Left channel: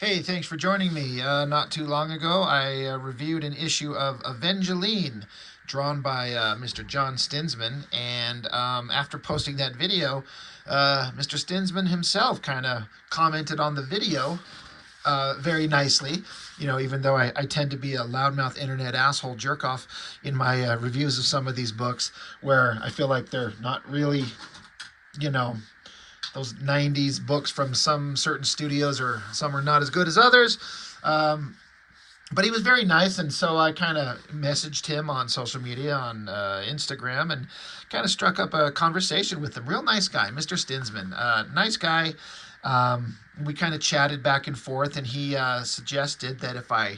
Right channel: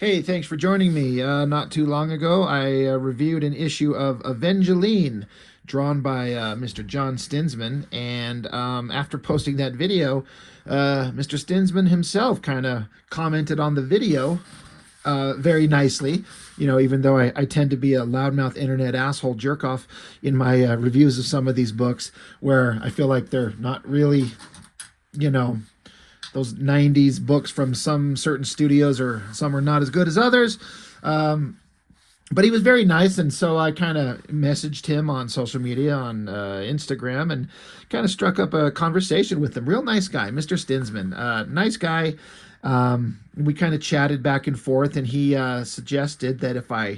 Hey, thanks for joining me. Not too long ago, I reviewed an issue of Evangeline, drawn by Mr. John Stinsman, and after posting that video, Mr. Stinsman himself kind of commented on the video very nicely. You know, even though I tend to be a loudmouth internet asshole jerk off in my reviews of some of these books, where I feel like they're not really, you know, those 90s books from some certain studios, or some are not as good as others. Um, but he was very nice, and so I kind of messaged him on social media, on Instagram, and kind of struck up a conversation with him. Real nice guy, Mr. Stinsman. Nice guy. We kind of chatted back and forth, and he suggested that if I,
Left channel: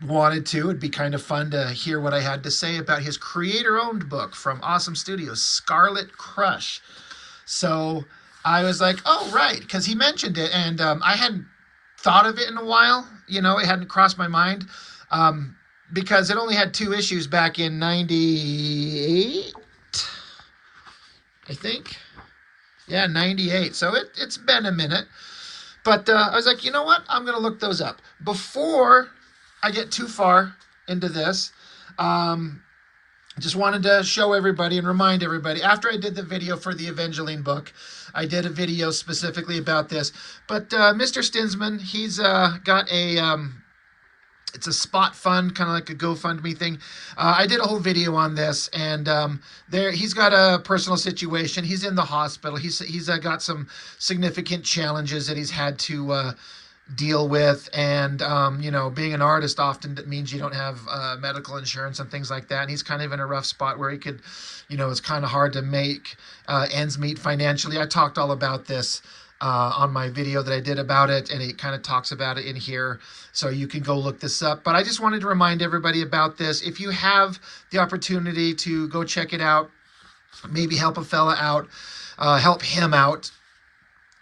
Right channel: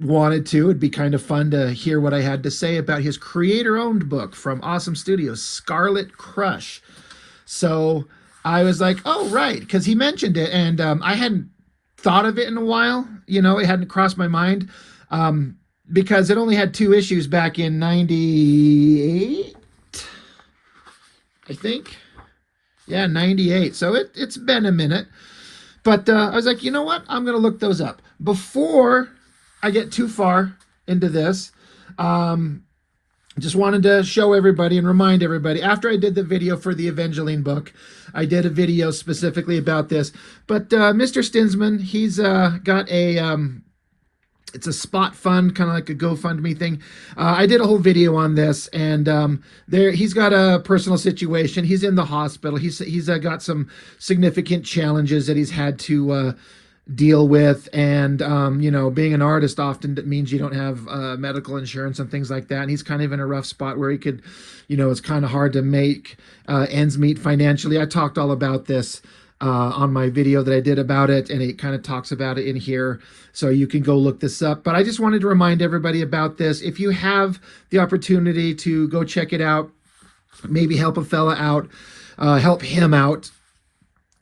wanted to, it'd be kind of fun to hear what I had to say about his creator-owned book from Awesome Studios, Scarlet Crush. So I was like, oh, right, because he mentioned it, and I hadn't thought of it in a while. It hadn't crossed my mind, because it only had 2 issues back in 98, I think. Yeah, 98. So it's been a minute. But I was like, you know what? I'm going to look those up. Before I get too far into this, just wanted to show everybody and remind everybody, after I did the video for the Evangeline book, I did a video specifically about this. But Mr. Stinsman, he's got it's a spot fund, kind of like a GoFundMe thing. I did a whole video on this, and he's got a personal situation. He's in the hospital. He's got some significant challenges that he's had to deal with, and being an artist often means you don't have medical insurance and things like that, and he's kind of in a rough spot where he could, it's kind of hard to make ends meet financially. I talked all about this on my video that I did about it, and it kind of talks about it in here, so you can go look this up. But I just wanted to remind everybody about this. If you have the opportunity to go check it out, maybe help a fella out, help him out.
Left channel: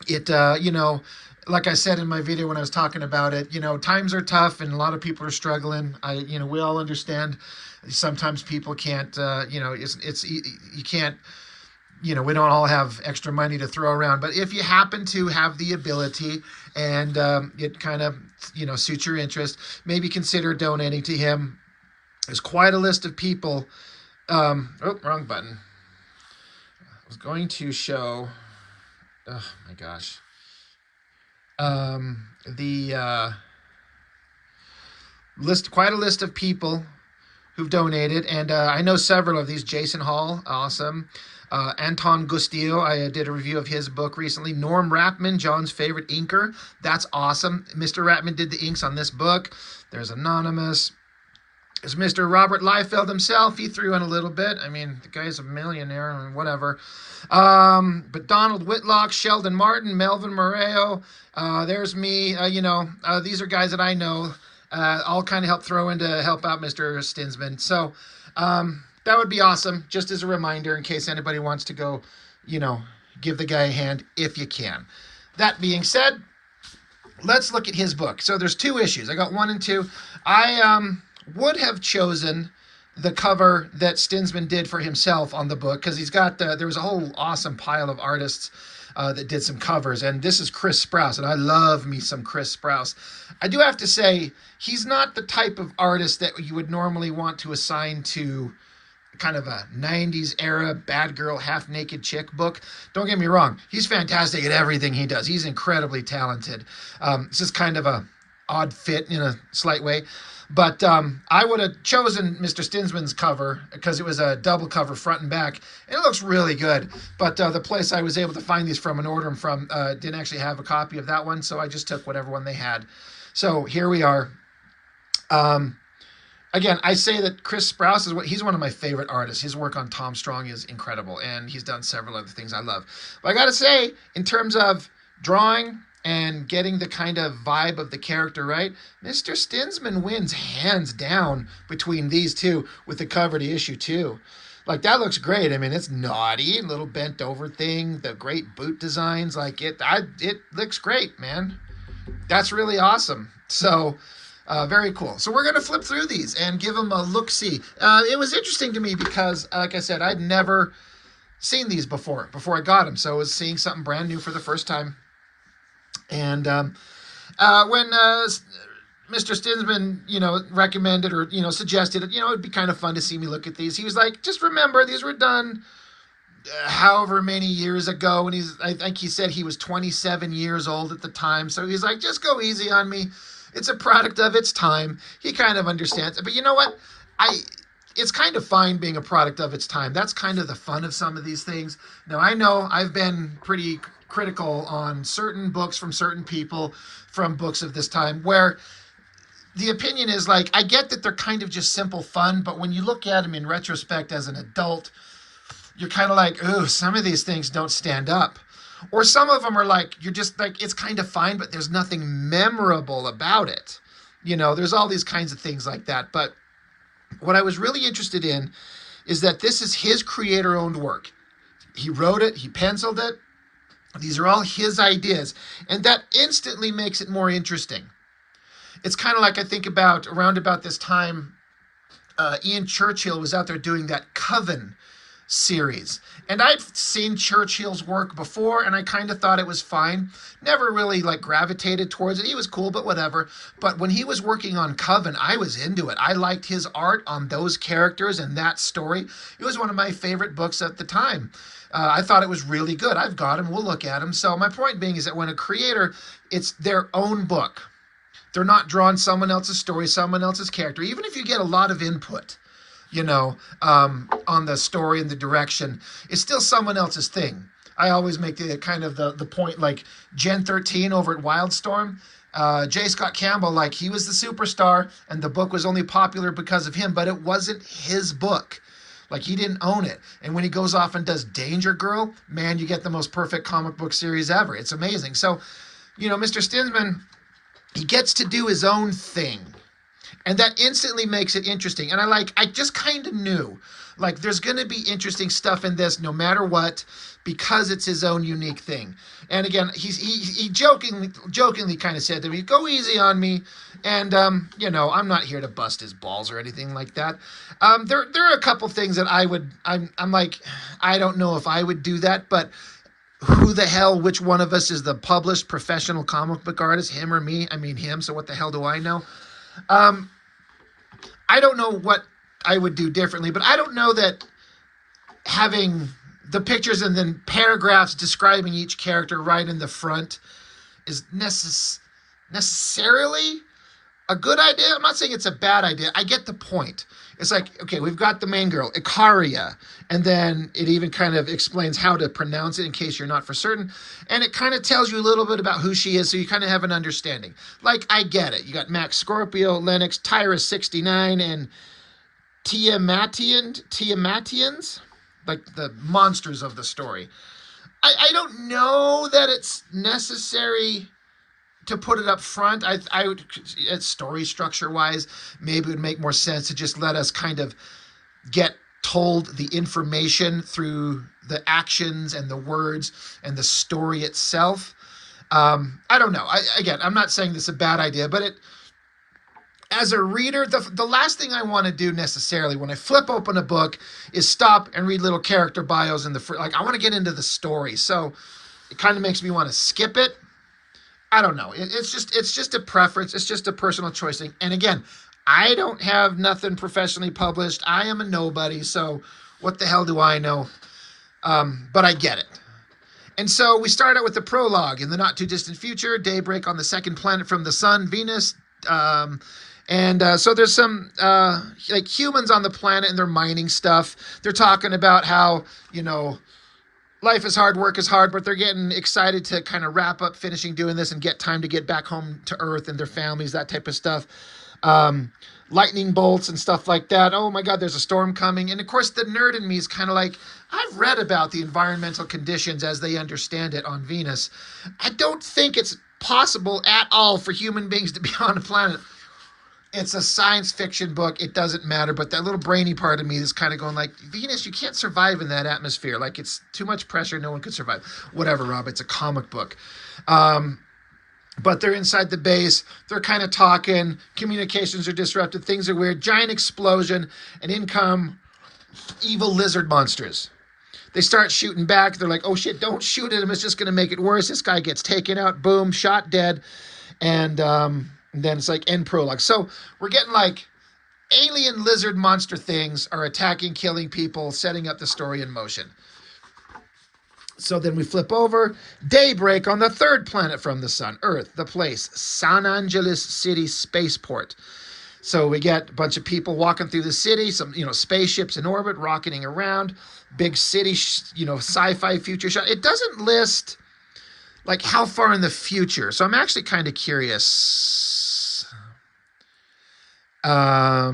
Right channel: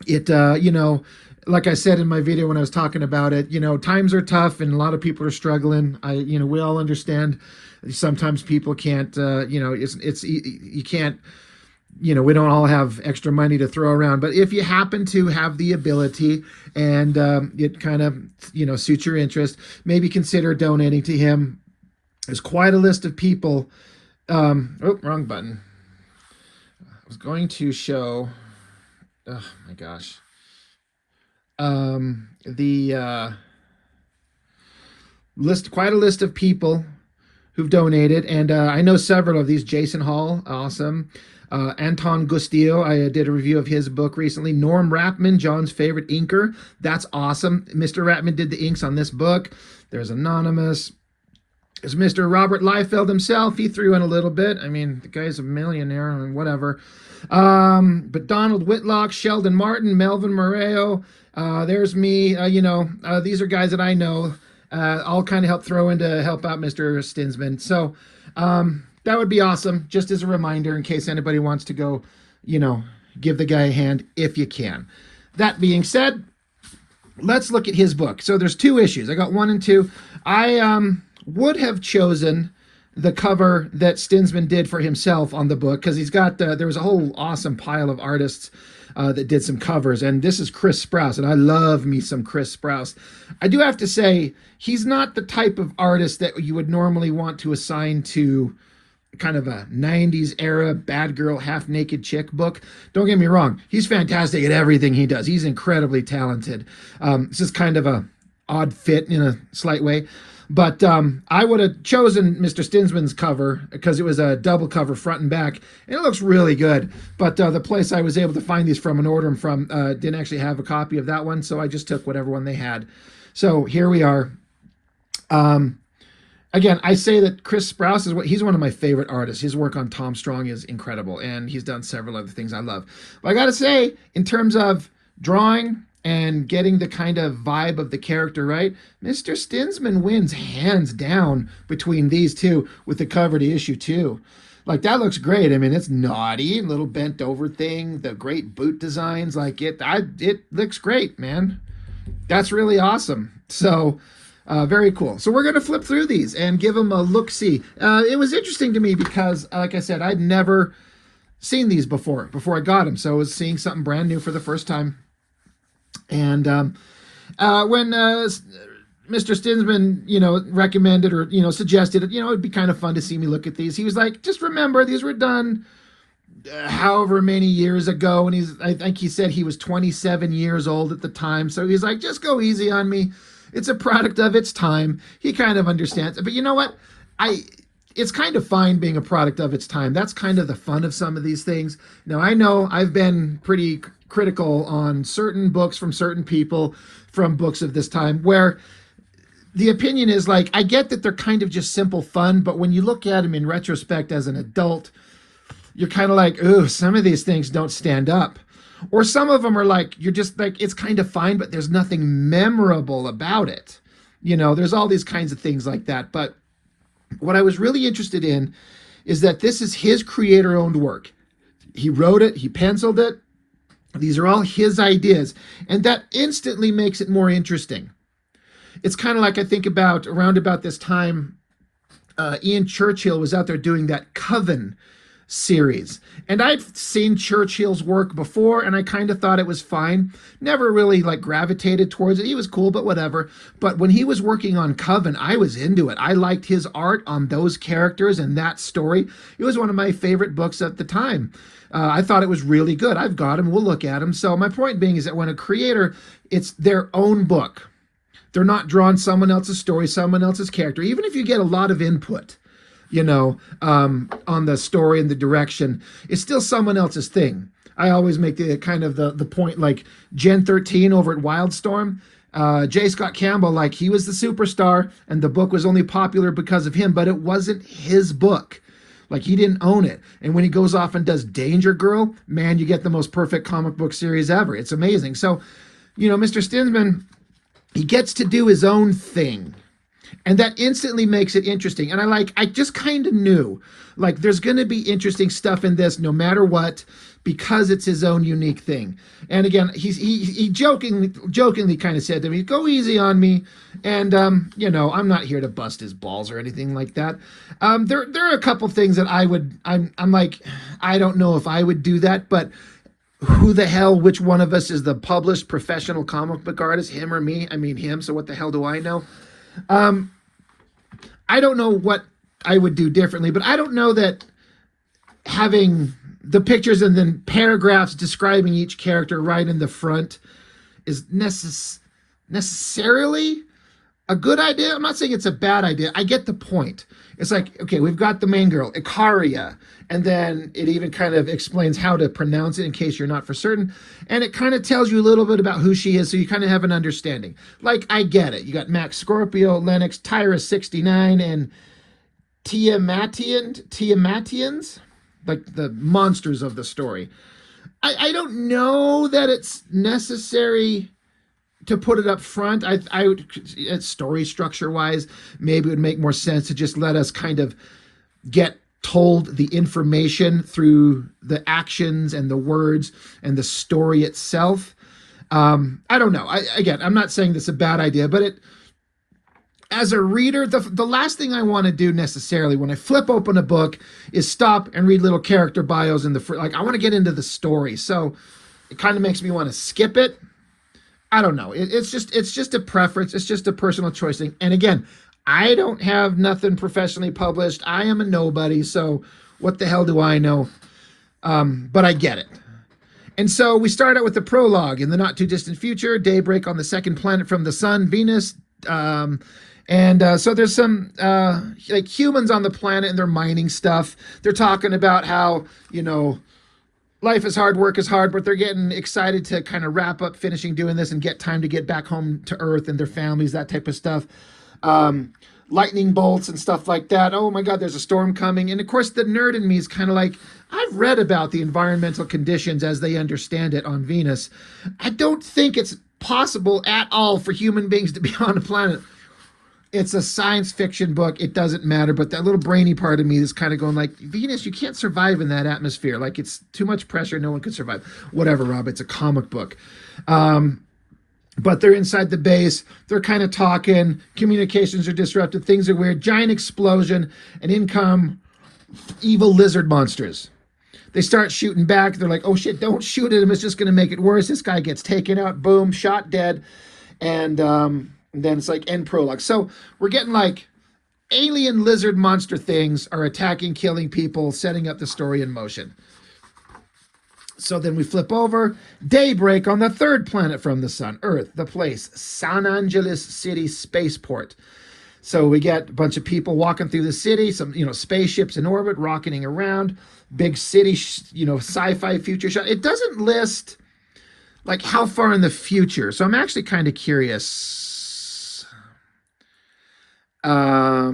It like I said in my video when I was talking about it, times are tough and a lot of people are struggling. We all understand. Sometimes people can't, you can't, we don't all have extra money to throw around. But if you happen to have the ability, and it kind of, suits your interest, maybe consider donating to him. There's quite a list of people. Oh, wrong button. I was going to show, oh my gosh. The list, quite a list of people who've donated, and I know several of these. Jason Hall, awesome. Anton Gustillo, I did a review of his book recently. Norm Rapman, John's favorite inker, that's awesome. Mr. Rapman did the inks on this book. There's Anonymous. There's Mr. Robert Liefeld himself. He threw in a little bit. I mean, the guy's a millionaire or whatever. But Donald Whitlock, Sheldon Martin, Melvin Moreo, there's me. These are guys that I know. I'll kind of help out Mr. Stinsman. So that would be awesome, just as a reminder in case anybody wants to go, give the guy a hand if you can. That being said, let's look at his book. So there's 2 issues. I got 1 and 2. I would have chosen the cover that Stinsman did for himself on the book, because he's got there was a whole awesome pile of artists that did some covers, and this is Chris Sprouse, and I love me some Chris Sprouse. I do have to say, he's not the type of artist that you would normally want to assign to kind of a 90s era bad girl half naked chick book. Don't get me wrong, he's fantastic at everything he does. He's incredibly talented. This is kind of a odd fit in a slight way. But I would have chosen Mr. Stinsman's cover because it was a double cover front and back. And it looks really good. But the place I was able to find these from and order them from didn't actually have a copy of that one. So I just took whatever one they had. So here we are. Again, I say that Chris Sprouse he's one of my favorite artists. His work on Tom Strong is incredible. And he's done several other things I love. But I got to say, in terms of drawing and getting the kind of vibe of the character right, Mr. Stinsman wins hands down between these 2 with the cover to issue 2. Like, that looks great. I mean, it's naughty, little bent over thing, the great boot designs, like it looks great, man. That's really awesome. So very cool. So we're going to flip through these and give them a look-see. It was interesting to me because, like I said, I'd never seen these before I got them. So I was seeing something brand new for the first time. And when Mr. Stinsman, recommended or, suggested it, it'd be kind of fun to see me look at these. He was like, just remember, these were done however many years ago. And I think he said he was 27 years old at the time. So he's like, just go easy on me. It's a product of its time. He kind of understands it. But you know what? It's kind of fine being a product of its time. That's kind of the fun of some of these things. Now, I know I've been pretty critical on certain books from certain people from books of this time where the opinion is like, I get that they're kind of just simple fun, but when you look at them in retrospect as an adult, you're kind of like, ooh, some of these things don't stand up. Or some of them are like, you're just like, it's kind of fine, but there's nothing memorable about it. There's all these kinds of things like that. But what I was really interested in is that this is his creator-owned work. He wrote it, he penciled it. These are all his ideas. And that instantly makes it more interesting. It's kind of like I think about around about this time, Ian Churchill was out there doing that Coven series. And I'd seen Churchill's work before, and I kind of thought it was fine. Never really gravitated towards it. He was cool, but whatever. But when he was working on Coven, I was into it. I liked his art on those characters and that story. It was one of my favorite books at the time. I thought it was really good. I've got him. We'll look at him. So my point being is that when a creator, it's their own book. They're not drawing someone else's story, someone else's character. Even if you get a lot of input, on the story and the direction, it's still someone else's thing. I always make the kind of the point, like Gen 13 over at Wildstorm, J. Scott Campbell, he was the superstar and the book was only popular because of him, but it wasn't his book. He didn't own it. And when he goes off and does Danger Girl, man, you get the most perfect comic book series ever. It's amazing. So, Mr. Stinsman, he gets to do his own thing. And that instantly makes it interesting. And I just kind of knew, there's going to be interesting stuff in this no matter what, because it's his own unique thing. And again, he jokingly kind of said to me, go easy on me. And, I'm not here to bust his balls or anything like that. There are a couple things that I'm like, I don't know if I would do that, but who the hell, which one of us is the published professional comic book artist, him or me? I mean, him. So what the hell do I know? I don't know what I would do differently, but I don't know that having the pictures and then paragraphs describing each character right in the front is necessarily a good idea. I'm not saying it's a bad idea. I get the point. It's like, okay, we've got the main girl, Ikaria, and then it even kind of explains how to pronounce it in case you're not for certain. And it kind of tells you a little bit about who she is, so you kind of have an understanding. I get it. You got Max Scorpio, Lennox, Tyra 69, and Tiamatians, the monsters of the story. I don't know that it's necessary to put it up front. I would, story structure wise, maybe it would make more sense to just let us kind of get told the information through the actions and the words and the story itself. I don't know. Again, I'm not saying this is a bad idea, but as a reader, the last thing I want to do necessarily when I flip open a book is stop and read little character bios in the I want to get into the story. So it kind of makes me want to skip it. I don't know. It's just a preference. It's just a personal choice thing. And again, I don't have nothing professionally published. I am a nobody. So what the hell do I know? But I get it. And so we start out with the prologue. In the not too distant future, daybreak on the second planet from the sun, Venus. So there's some humans on the planet and they're mining stuff. They're talking about how, life is hard, work is hard, but they're getting excited to kind of wrap up finishing doing this and get time to get back home to Earth and their families, that type of stuff. Lightning bolts and stuff like that. Oh my God, there's a storm coming. And of course, the nerd in me is kind of like, I've read about the environmental conditions as they understand it on Venus. I don't think it's possible at all for human beings to be on a planet. It's a science fiction book. It doesn't matter. But that little brainy part of me is kind of going like, Venus, you can't survive in that atmosphere. It's too much pressure. No one could survive. Whatever, Rob. It's a comic book. But they're inside the base. They're kind of talking. Communications are disrupted. Things are weird. Giant explosion. And in come evil lizard monsters. They start shooting back. They're like, oh shit, don't shoot at him. It's just going to make it worse. This guy gets taken out. Boom, shot dead. And then it's like end prologue. So we're getting like alien lizard monster things are attacking, killing people, setting up the story in motion. So then we flip over. Daybreak on the third planet from the sun, Earth, the place, San Angeles City Spaceport. So we get a bunch of people walking through the city, some, spaceships in orbit, rocketing around, big city, sci-fi future shot. It doesn't list like how far in the future. So I'm actually kind of curious. I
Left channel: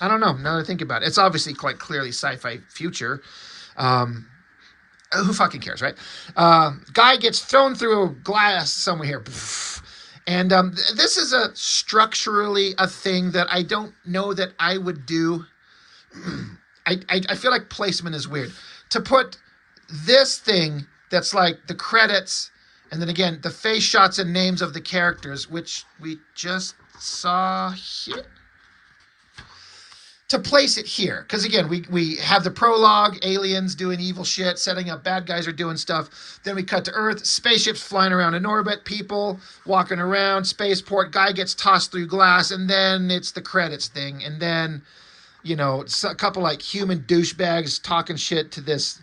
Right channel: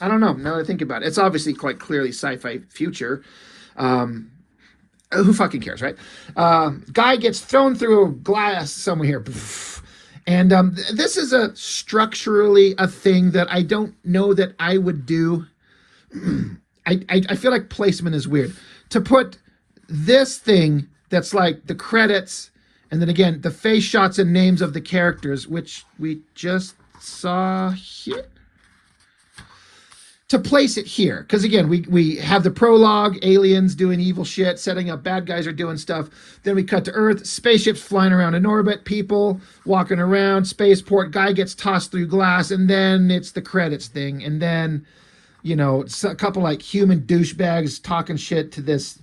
don't know. Now that I think about it, it's obviously quite clearly sci-fi future. Who fucking cares, right? Guy gets thrown through a glass somewhere here. And this is structurally a thing that I don't know that I would do. I feel like placement is weird. To put this thing that's like the credits, and then again, the face shots and names of the characters, which we just saw here. To place it here, because again, we have the prologue, aliens doing evil shit, setting up, bad guys are doing stuff. Then we cut to Earth, spaceships flying around in orbit, people walking around, spaceport, guy gets tossed through glass, and then it's the credits thing. And then, it's a couple like human douchebags talking shit to this,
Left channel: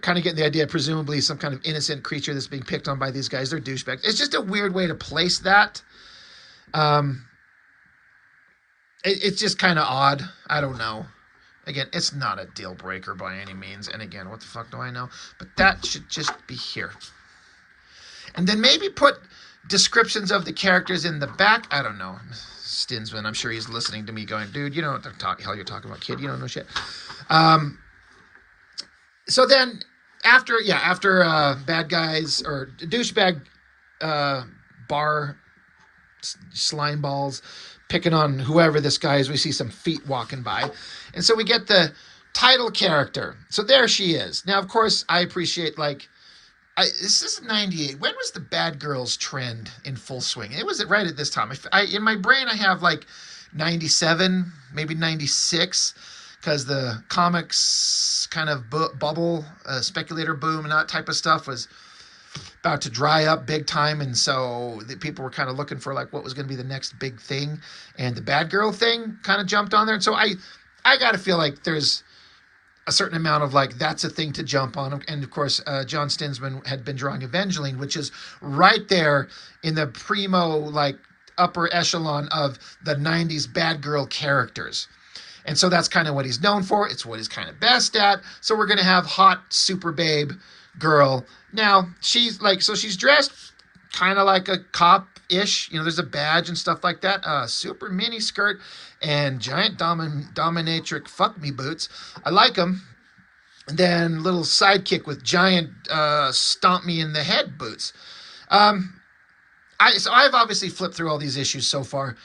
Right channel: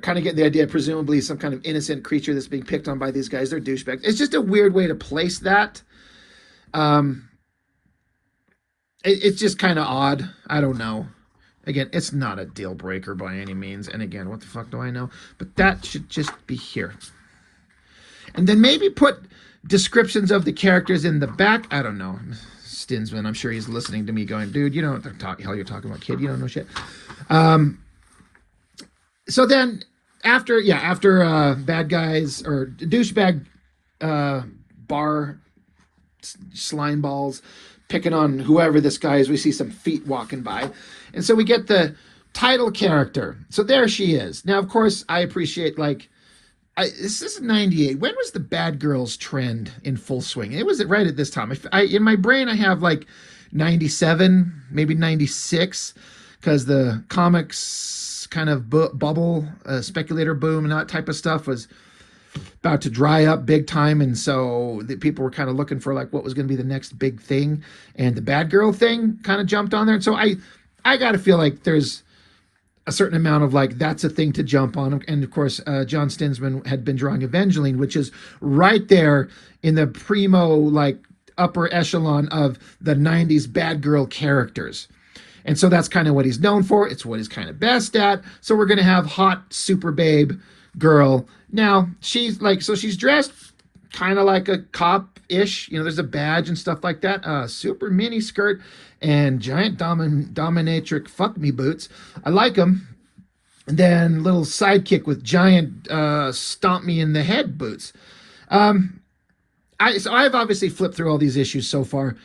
kind of get the idea, presumably some kind of innocent creature that's being picked on by these guys. They're douchebags. It's just a weird way to place that. It's just kind of odd. I don't know. Again, it's not a deal breaker by any means. And again, what the fuck do I know? But that should just be here. And then maybe put descriptions of the characters in the back. I don't know. Stinsman, I'm sure he's listening to me going, dude, you know what the hell you're talking about, kid. You don't know shit. So then after bad guys or douchebag bar slime balls picking on whoever this guy is, we see some feet walking by. And so we get the title character. So there she is. Now, of course, I appreciate, this is 98. When was the bad girls trend in full swing? It was right at this time. In my brain, I have 97, maybe 96, because the comics kind of bubble, speculator boom and that type of stuff was about to dry up big time, and so the people were kind of looking for what was going to be the next big thing, and the bad girl thing kind of jumped on there. And so I gotta feel like there's a certain amount of that's a thing to jump on. And of course, John Stinsman had been drawing Evangeline, which is right there in the primo upper echelon of the 90s bad girl characters. And so that's kind of what he's known for. It's what he's kind of best at. So we're going to have hot super babe girl. Now, she's she's dressed kind of like a cop-ish. There's a badge and stuff like that. Super mini skirt and giant dominatrix fuck-me boots. I like them. And then little sidekick with giant stomp-me-in-the-head boots. So I've obviously flipped through all these issues so far.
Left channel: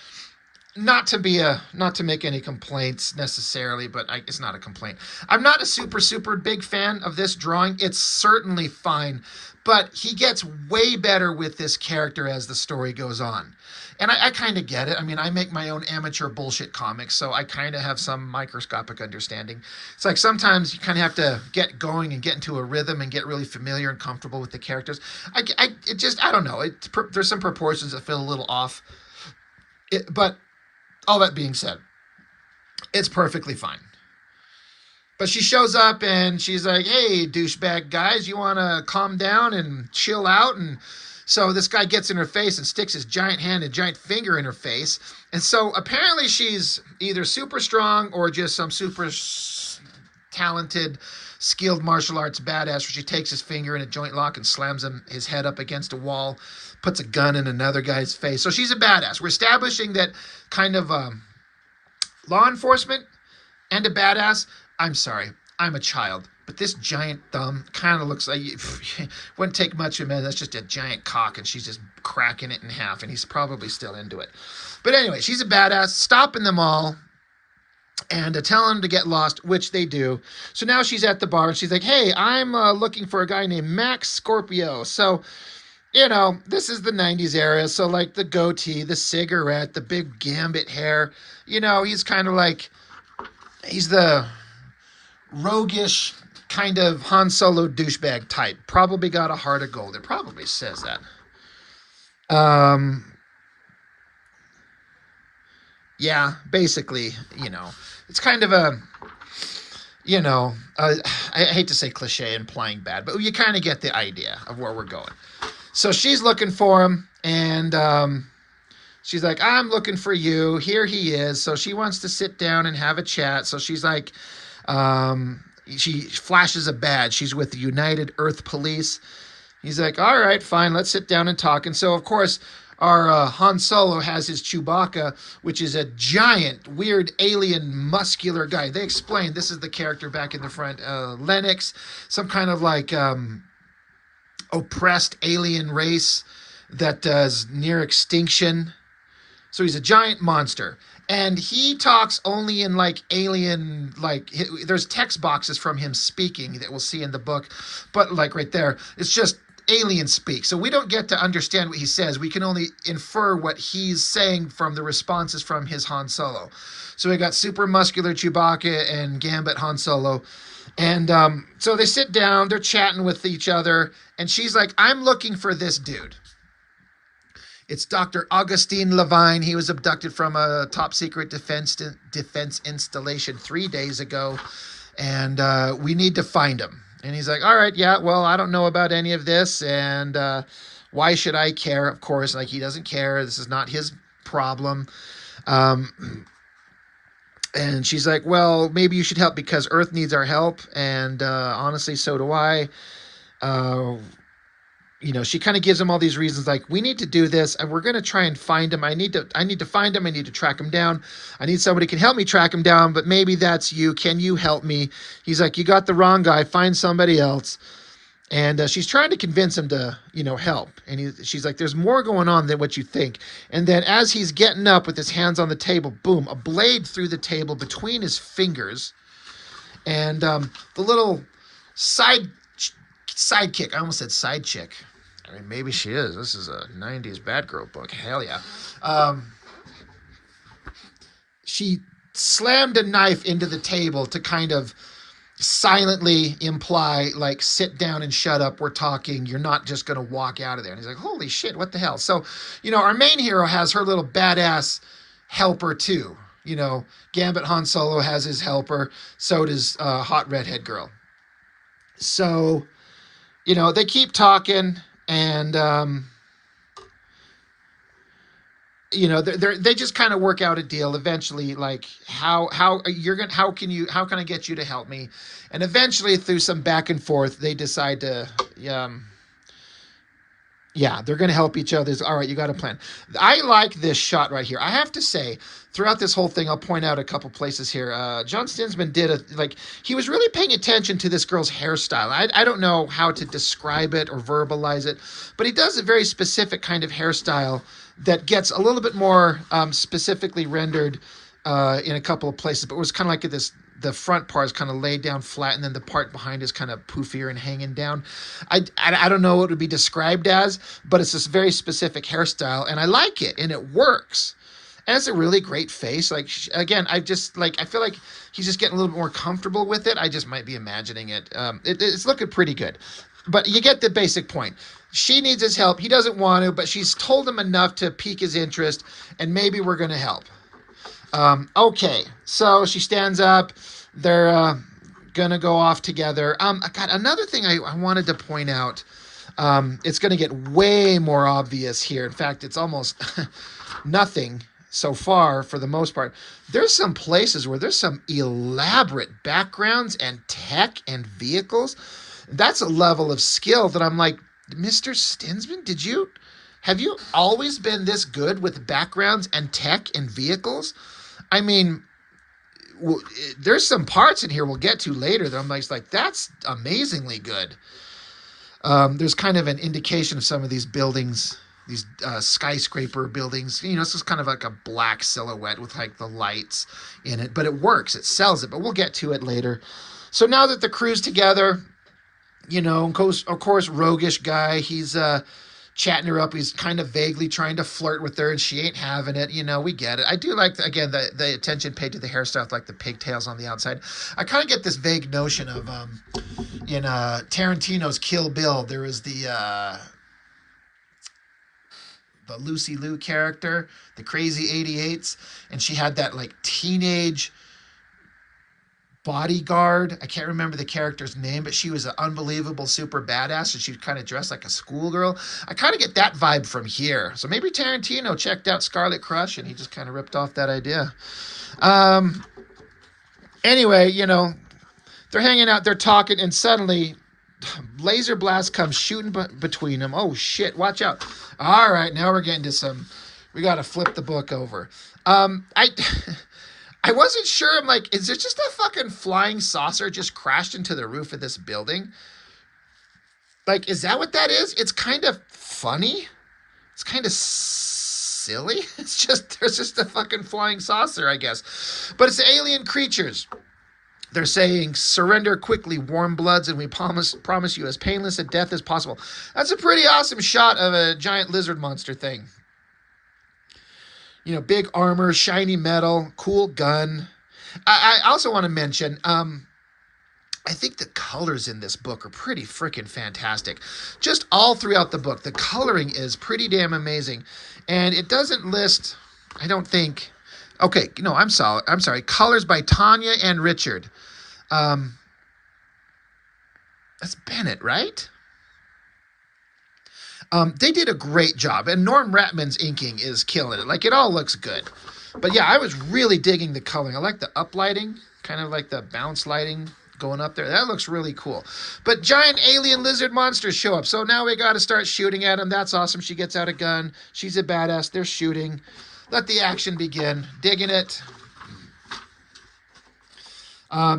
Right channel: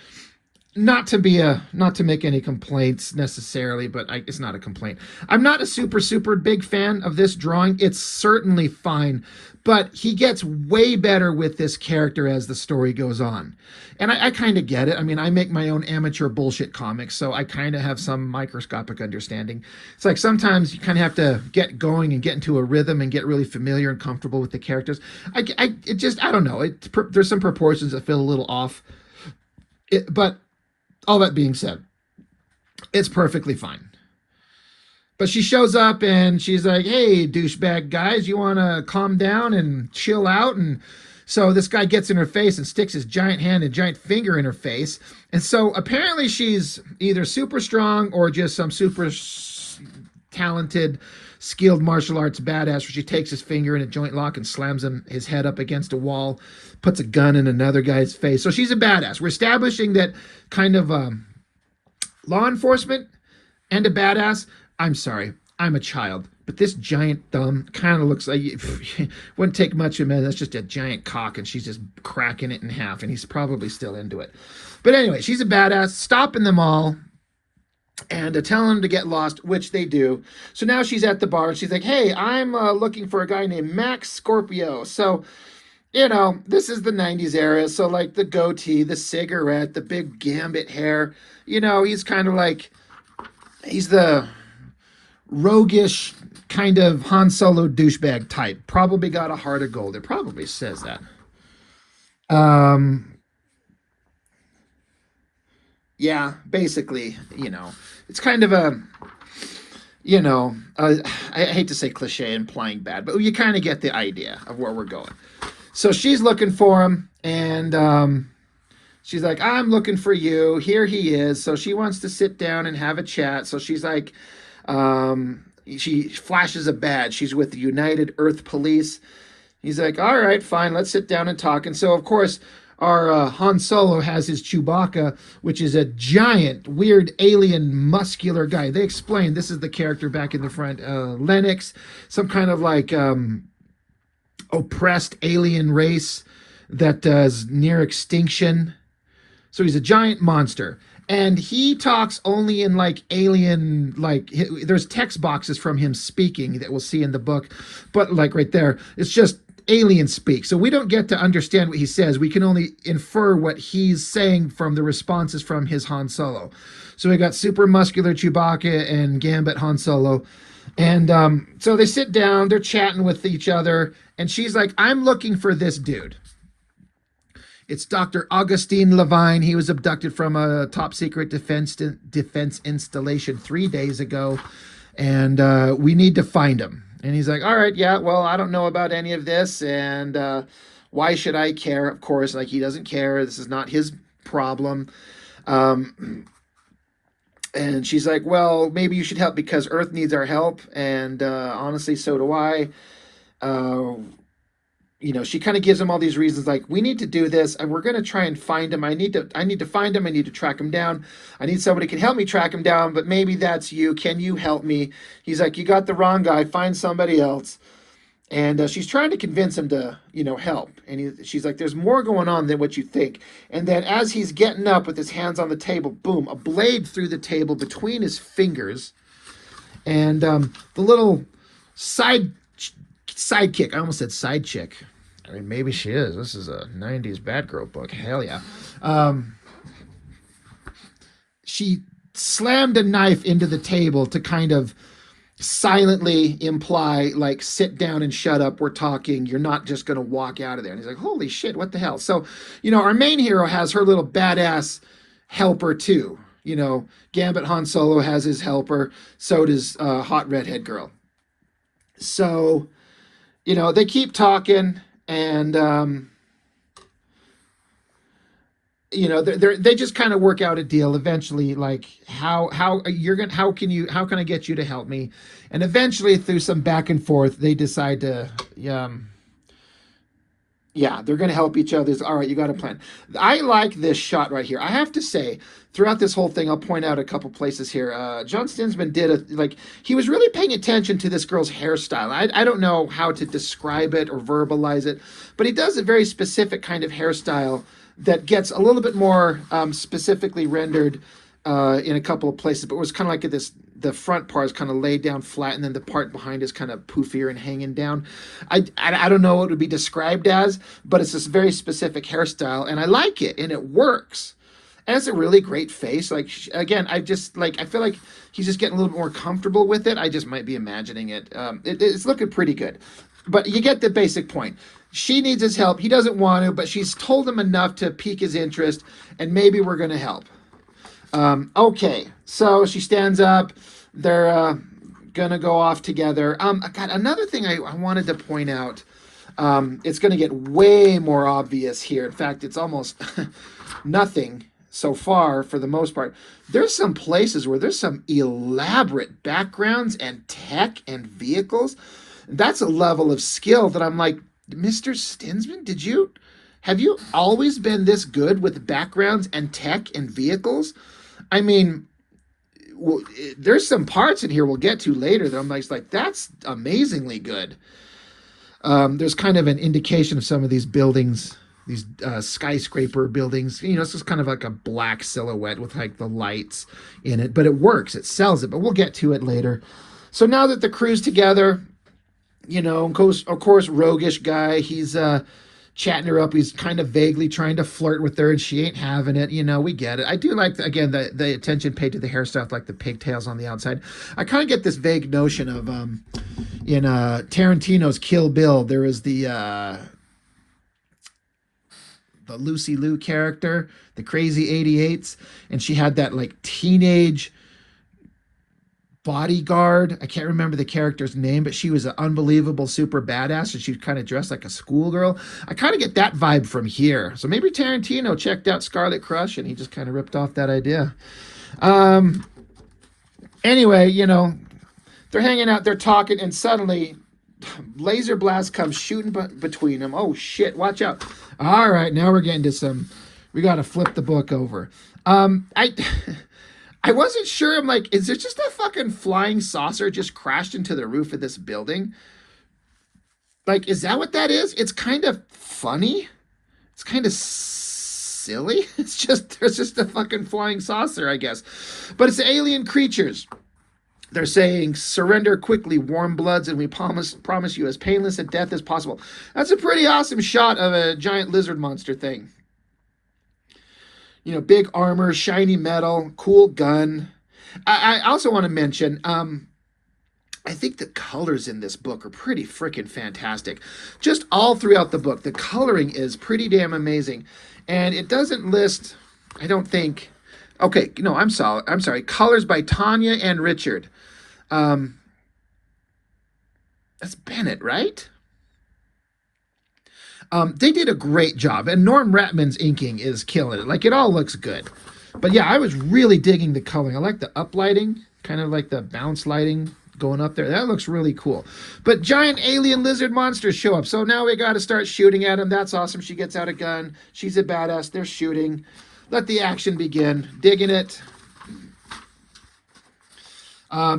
Not to make any complaints necessarily, but it's not a complaint. I'm not a super big fan of this drawing. It's certainly fine, but he gets way better with this character as the story goes on. And I kind of get it. I mean, I make my own amateur bullshit comics, so I kind of have some microscopic understanding. It's sometimes you kind of have to get going and get into a rhythm and get really familiar and comfortable with the characters. I don't know. There's some proportions that feel a little off. But all that being said, it's perfectly fine. But she shows up and she's like, hey, douchebag guys, you want to calm down and chill out? And so this guy gets in her face and sticks his giant hand and giant finger in her face. And so apparently she's either super strong or just some super talented, skilled martial arts badass where she takes his finger in a joint lock and slams his head up against a wall, puts a gun in another guy's face. So she's a badass. We're establishing that kind of law enforcement and a badass. I'm sorry, I'm a child, but this giant thumb kind of looks like wouldn't take much of a man. That's just a giant cock, and she's just cracking it in half, and he's probably still into it. But anyway, she's a badass, stopping them all and telling them to get lost, which they do. So now she's at the bar, and she's like, hey, I'm looking for a guy named Max Scorpio. So this is the 90s era. So the goatee, the cigarette, the big gambit hair, he's kind of he's the roguish kind of Han Solo douchebag type. Probably got a heart of gold. It probably says that. Um, yeah, basically, it's kind of a, I hate to say cliche implying bad, but you kind of get the idea of where we're going. So she's looking for him, and she's like, I'm looking for you. Here he is. So she wants to sit down and have a chat. So she's like, she flashes a badge. She's with the United Earth Police. He's like, all right, fine, let's sit down and talk. And so, of course, our Han Solo has his Chewbacca, which is a giant, weird, alien, muscular guy. They explain this is the character back in the front, Lennox, some kind of like oppressed alien race that is near extinction. So he's a giant monster. And he talks only in like alien, like there's text boxes from him speaking that we'll see in the book. But like right there, it's just alien speak. So we don't get to understand what he says. We can only infer what he's saying from the responses from his Han Solo. So we got super muscular Chewbacca and Gambit Han Solo. And so they sit down, they're chatting with each other. And she's like, I'm looking for this dude. It's Dr. Augustine Levine. He was abducted from a top secret defense installation 3 days ago. And we need to find him. And he's like, all right, yeah, well, I don't know about any of this. And why should I care? Of course, like he doesn't care. This is not his problem. And she's like, well, maybe you should help because Earth needs our help. And honestly, so do I. She kind of gives him all these reasons, like, we need to do this, and we're going to try and find him. I need to find him. I need to track him down. I need somebody who can help me track him down, but maybe that's you. Can you help me? He's like, you got the wrong guy. Find somebody else. And she's trying to convince him to, help. And she's like, there's more going on than what you think. And then as he's getting up with his hands on the table, boom, a blade through the table between his fingers. And the little sidekick. I almost said side chick. I mean, maybe she is. This is a 90s bad girl book. Hell yeah. She slammed a knife into the table to kind of silently imply, like, sit down and shut up. We're talking. You're not just going to walk out of there. And he's like, holy shit, what the hell? So, our main hero has her little badass helper too. Gambit Han Solo has his helper. So does hot redhead girl. So, they keep talking, and they just kind of work out a deal eventually, like how can I get you to help me? And eventually, through some back and forth, they decide to they're going to help each other. All right, you got a plan. I like this shot right here. I have to say, throughout this whole thing, I'll point out a couple places here. John Stinsman he was really paying attention to this girl's hairstyle. I don't know how to describe it or verbalize it, but he does a very specific kind of hairstyle that gets a little bit more specifically rendered in a couple of places, but it was kind of like the front part is kind of laid down flat, and then the part behind is kind of poofier and hanging down. I don't know what it would be described as, but it's this very specific hairstyle, and I like it, and it works. And it's a really great face. Like, again, I feel like he's just getting a little bit more comfortable with it. I just might be imagining it. It's looking pretty good. But you get the basic point. She needs his help. He doesn't want to, but she's told him enough to pique his interest, and maybe we're going to help. Okay, so she stands up. They're gonna go off together. God, another thing I wanted to point out. It's gonna get way more obvious here. In fact, it's almost nothing so far for the most part. There's some places where there's some elaborate backgrounds and tech and vehicles. That's a level of skill that I'm like, Mr. Stinsman, have you always been this good with backgrounds and tech and vehicles? I mean, there's some parts in here we'll get to later that I'm like, that's amazingly good. There's kind of an indication of some of these buildings, these skyscraper buildings. It's just kind of like a black silhouette with like the lights in it, but it works. It sells it, but we'll get to it later. So now that the crew's together, of course, roguish guy, he's chatting her up. He's kind of vaguely trying to flirt with her, and she ain't having it. You know, we get it. I do like, again, the attention paid to the hairstyle, like the pigtails on the outside. I kind of get this vague notion of in Tarantino's Kill Bill, there was the Lucy Liu character, the crazy 88s, and she had that like teenage bodyguard. I can't remember the character's name, but she was an unbelievable super badass, and she was kind of dressed like a schoolgirl. I kind of get that vibe from here. So maybe Tarantino checked out Scarlet Crush and he just kind of ripped off that idea. Anyway, you know, they're hanging out, they're talking, and suddenly laser blast comes shooting between them. Oh shit, watch out. All right, now we're getting to some, we got to flip the book over. I wasn't sure. I'm like, is it just a fucking flying saucer just crashed into the roof of this building? Like, is that what that is? It's kind of funny. It's kind of silly. It's just, there's just a fucking flying saucer, I guess. But it's alien creatures. They're saying, surrender quickly, warm bloods, and we promise you as painless a death as possible. That's a pretty awesome shot of a giant lizard monster thing. You know, big armor, shiny metal, cool gun. I also want to mention, I think the colors in this book are pretty freaking fantastic. Just all throughout the book, the coloring is pretty damn amazing. And it doesn't list, I don't think, okay, no, I'm sorry. Colors by Tanya and Richard. That's Bennett, right? They did a great job, and Norm Ratman's inking is killing it. Like, it all looks good. But yeah, I was really digging the coloring. I like the uplighting, kind of like the bounce lighting going up there. That looks really cool. But giant alien lizard monsters show up, so now we got to start shooting at them. That's awesome. She gets out a gun. She's a badass. They're shooting. Let the action begin. Digging it.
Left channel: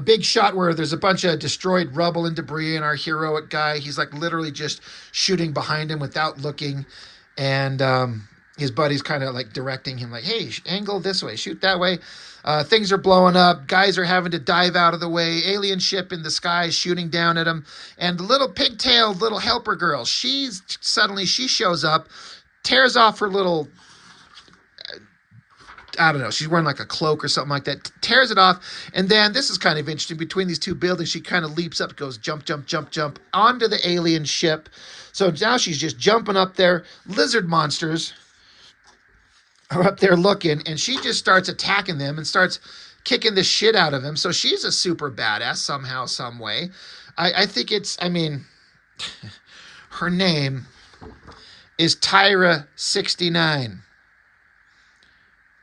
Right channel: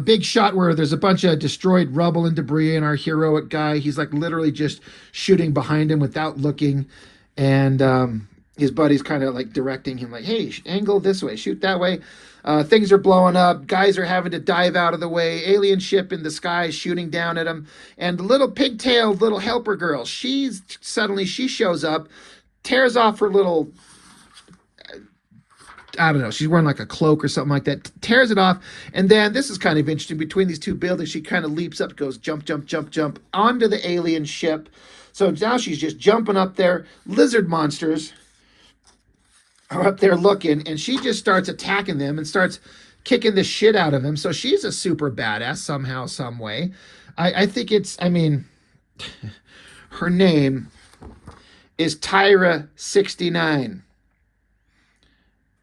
Big shot where there's a bunch of destroyed rubble and debris, and our heroic guy, he's like literally just shooting behind him without looking, and his buddy's kind of like directing him like, hey, angle this way, shoot that way. Things are blowing up, guys are having to dive out of the way, alien ship in the sky shooting down at him, and the little pigtailed little helper girl, she shows up, tears off her little, I don't know, she's wearing like a cloak or something like that, tears it off, and then, this is kind of interesting, between these two buildings, she kind of leaps up, goes jump, jump, jump, jump, onto the alien ship. So now she's just jumping up there. Lizard monsters are up there looking, and she just starts attacking them and starts kicking the shit out of them. So she's a super badass somehow, some way. I think it's, I mean, her name is Tyra 69.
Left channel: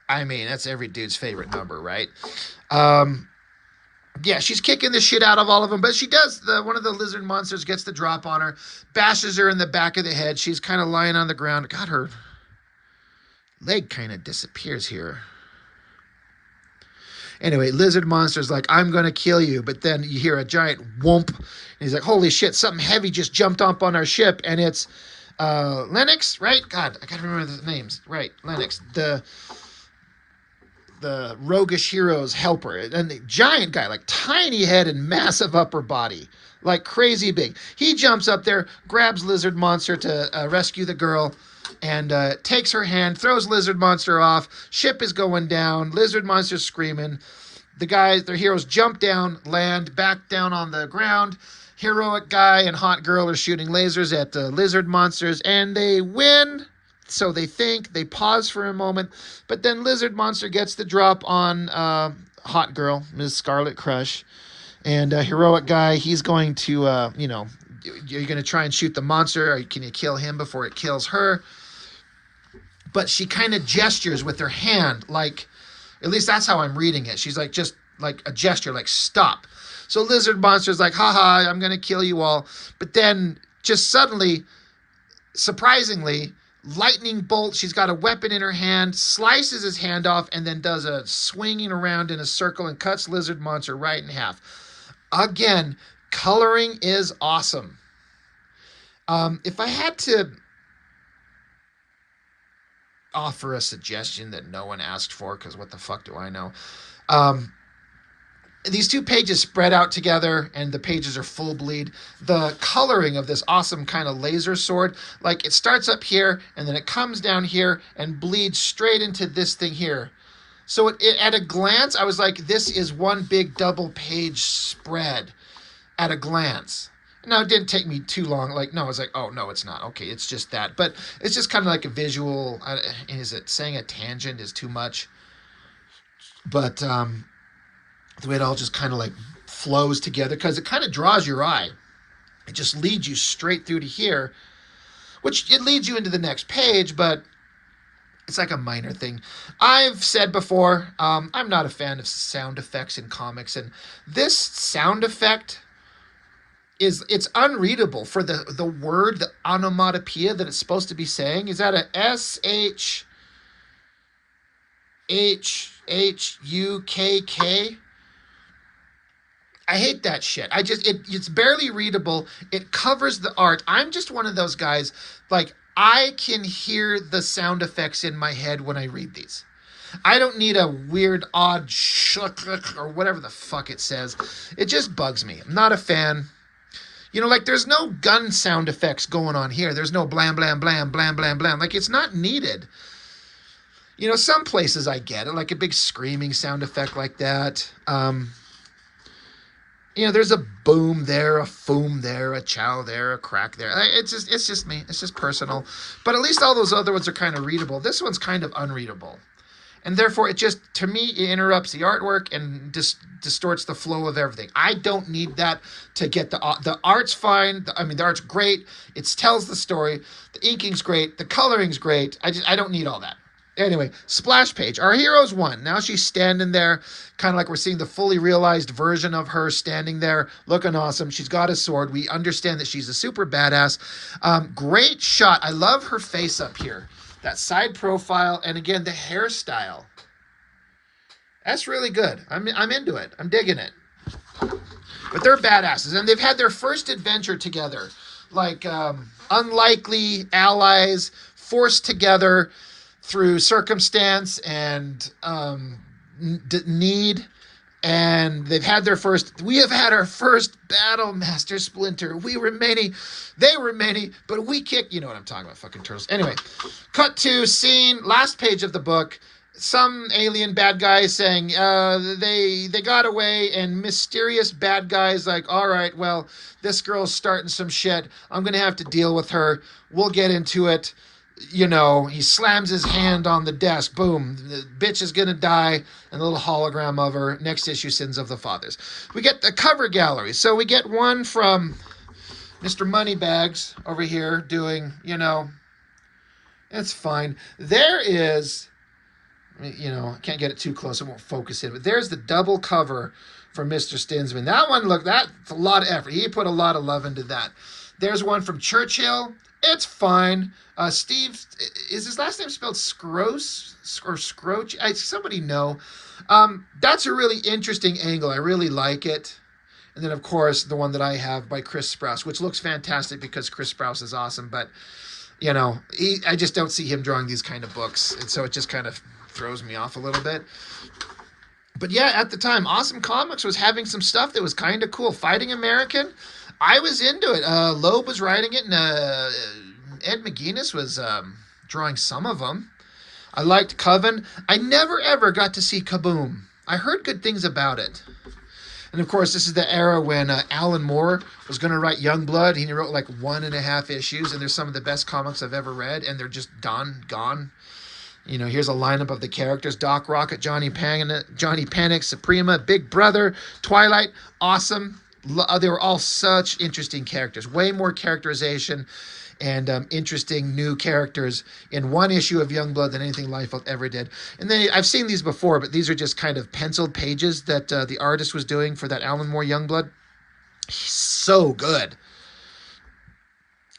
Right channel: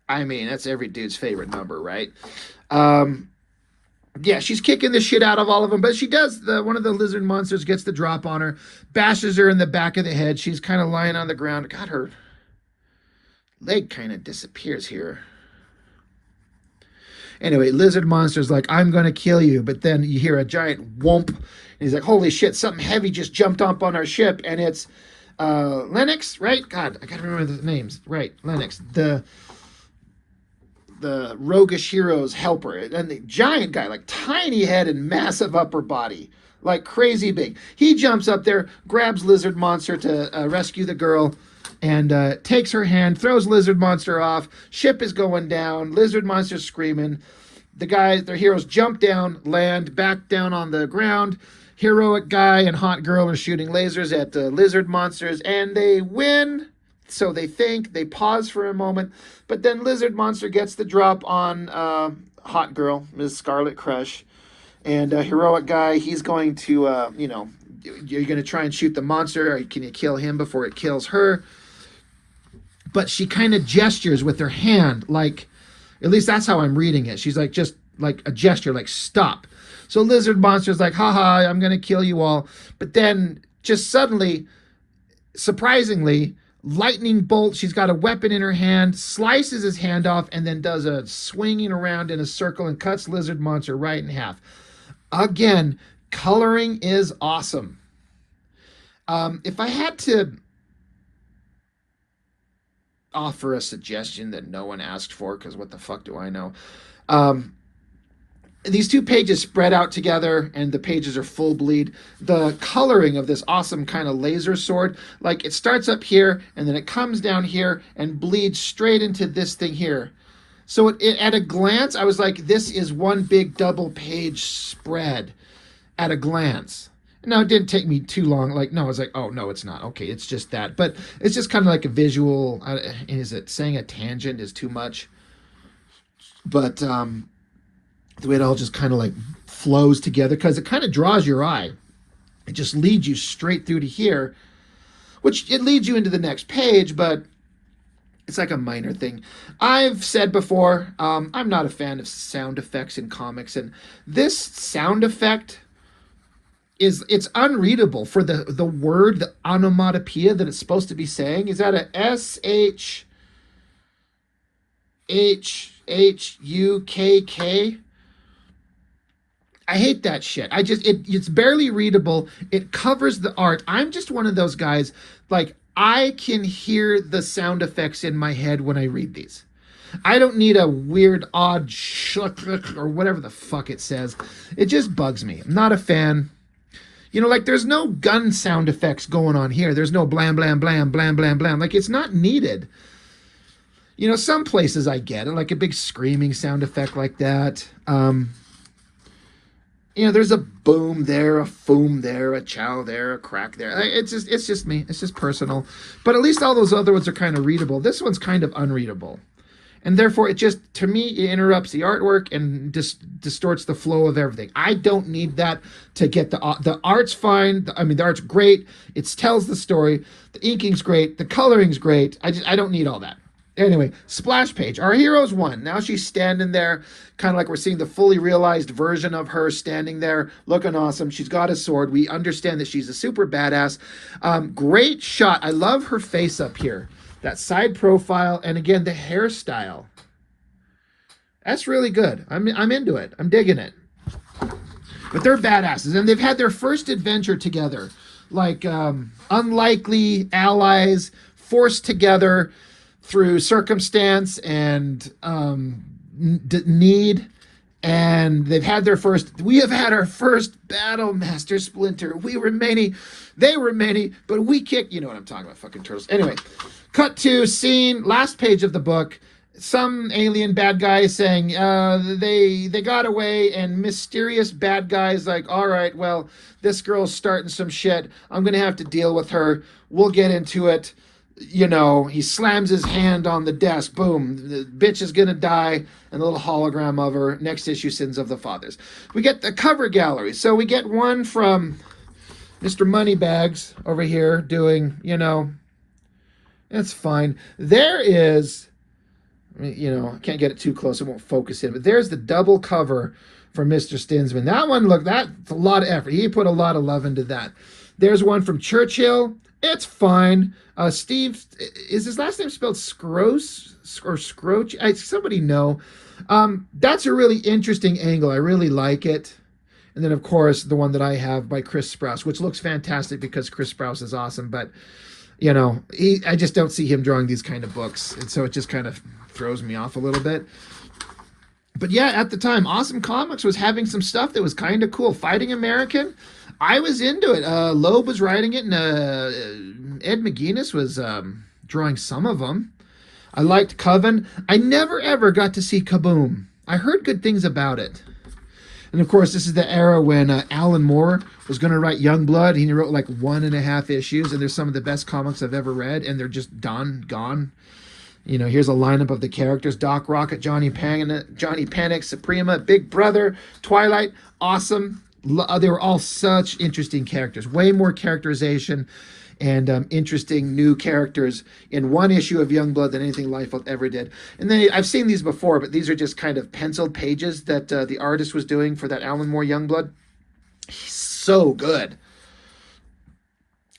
I mean, that's every dude's favorite number, right? Yeah, she's kicking the shit out of all of them, but she does, one of the lizard monsters gets the drop on her, bashes her in the back of the head. She's kind of lying on the ground. God, her leg kind of disappears here. Anyway, lizard monster's like, I'm going to kill you, but then you hear a giant whoomp, and he's like, holy shit, something heavy just jumped up on our ship, and it's Lennox, right? God, I can't remember the names. Right, Lennox, the roguish hero's helper, and the giant guy, like tiny head and massive upper body, like crazy big. He jumps up there, grabs lizard monster to rescue the girl, and takes her hand, throws lizard monster off. Ship is going down, lizard monster screaming. The guys, their heroes, jump down, land back down on the ground. Heroic guy and hot girl are shooting lasers at the lizard monsters, and they win. So they think, they pause for a moment, but then lizard monster gets the drop on hot girl, Ms. Scarlet Crush, and heroic guy, he's going to, you know, you're going to try and shoot the monster, or can you kill him before it kills her? But she kind of gestures with her hand, like, at least that's how I'm reading it. She's like, just like a gesture, like stop. So lizard monster's like, haha, I'm going to kill you all. But then just suddenly, surprisingly, lightning bolt, she's got a weapon in her hand, slices his hand off, and then does a swinging around in a circle and cuts lizard monster right in half. Again, coloring is awesome. If I had to offer a suggestion that no one asked for, because what the fuck do I know? these two pages spread out together and the pages are full bleed. The coloring of this awesome kind of laser sword, like it starts up here and then it comes down here and bleeds straight into this thing here. So at a glance, I was like, this is one big double page spread at a glance. Now, it didn't take me too long. Like, no, I was like, oh, no, it's not. Okay, it's just that. But it's just kind of like a visual. Is it saying a tangent is too much? But the way it all just kind of like flows together, because it kind of draws your eye. It just leads you straight through to here, which it leads you into the next page, but it's like a minor thing. I've said before, I'm not a fan of sound effects in comics, and this sound effect it's unreadable for the word, the onomatopoeia that it's supposed to be saying. Is that a SHHHUKK? I hate that shit. It's barely readable. It covers the art. I'm just one of those guys, like, I can hear the sound effects in my head when I read these. I don't need a weird, odd or whatever the fuck it says. It just bugs me. I'm not a fan. You know, like, there's no gun sound effects going on here. There's no blam, blam, blam, blam, blam, blam. Like, it's not needed. You know, some places I get it, like a big screaming sound effect like that. You know, there's a boom there, a foom there, a chow there, a crack there. It's just me. It's just personal. But at least all those other ones are kind of readable. This one's kind of unreadable. And therefore, it just, to me, it interrupts the artwork and distorts the flow of everything. I don't need that to get the art's fine. I mean, the art's great. It tells the story. The inking's great. The coloring's great. I don't need all that. Anyway, splash page. Our hero's won. Now she's standing there, kind of like we're seeing the fully realized version of her standing there, looking awesome. She's got a sword. We understand that she's a super badass. Great shot. I love her face up here. That side profile, and again, the hairstyle. That's really good. I'm into it. I'm digging it. But they're badasses, and they've had their first adventure together. Like, unlikely allies forced together through circumstance and need, and we have had our first battle, Master Splinter. We were many, they were many, but we kicked, you know what I'm talking about, fucking turtles. Anyway, cut to scene, last page of the book, some alien bad guys saying they got away, and mysterious bad guys like, all right, well, this girl's starting some shit. I'm going to have to deal with her. We'll get into it. You know, he slams his hand on the desk. Boom. The bitch is going to die. And a little hologram of her. Next issue, Sins of the Fathers. We get the cover gallery. So we get one from Mr. Moneybags over here doing, you know, that's fine. There is, you know, I can't get it too close. It won't focus in. But there's the double cover for Mr. Stinsman. That one, look, that's a lot of effort. He put a lot of love into that. There's one from Churchill. It's fine. Steve, is his last name spelled Scroce or Scroach? Somebody know. That's a really interesting angle. I really like it. And then, of course, the one that I have by Chris Sprouse, which looks fantastic because Chris Sprouse is awesome. But, you know, I just don't see him drawing these kind of books. And so it just kind of throws me off a little bit. But yeah, at the time, Awesome Comics was having some stuff that was kind of cool. Fighting American, I was into it. Loeb was writing it, and Ed McGuinness was drawing some of them. I liked Coven. I never, ever got to see Kaboom. I heard good things about it. And, of course, this is the era when Alan Moore was going to write Youngblood. He wrote like 1.5 issues, and they're some of the best comics I've ever read, and they're just gone. You know, here's a lineup of the characters. Doc Rocket, Johnny Panic, Suprema, Big Brother, Twilight. Awesome. They were all such interesting characters. Way more characterization and interesting new characters in one issue of Youngblood than anything Liefeld ever did. And then I've seen these before, but these are just kind of penciled pages that the artist was doing for that Alan Moore Youngblood. He's so good.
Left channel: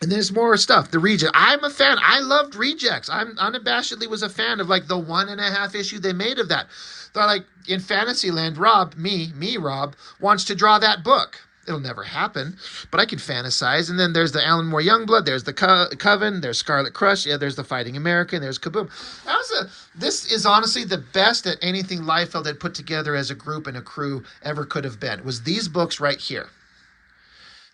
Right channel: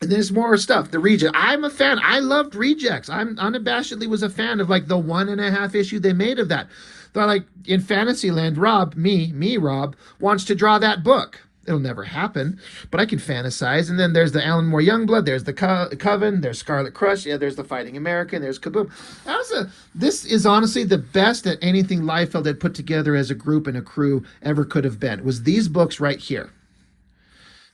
And there's more stuff. The Reject. I'm a fan. I loved Rejects. I'm unabashedly was a fan of like the 1.5 issue they made of that. Thought like in Fantasyland, Rob, Rob, wants to draw that book. It'll never happen, but I can fantasize. And then there's the Alan Moore Youngblood, there's the Coven, there's Scarlet Crush, yeah, there's the Fighting American, there's Kaboom. This is honestly the best that anything Liefeld had put together as a group and a crew ever could have been, was these books right here.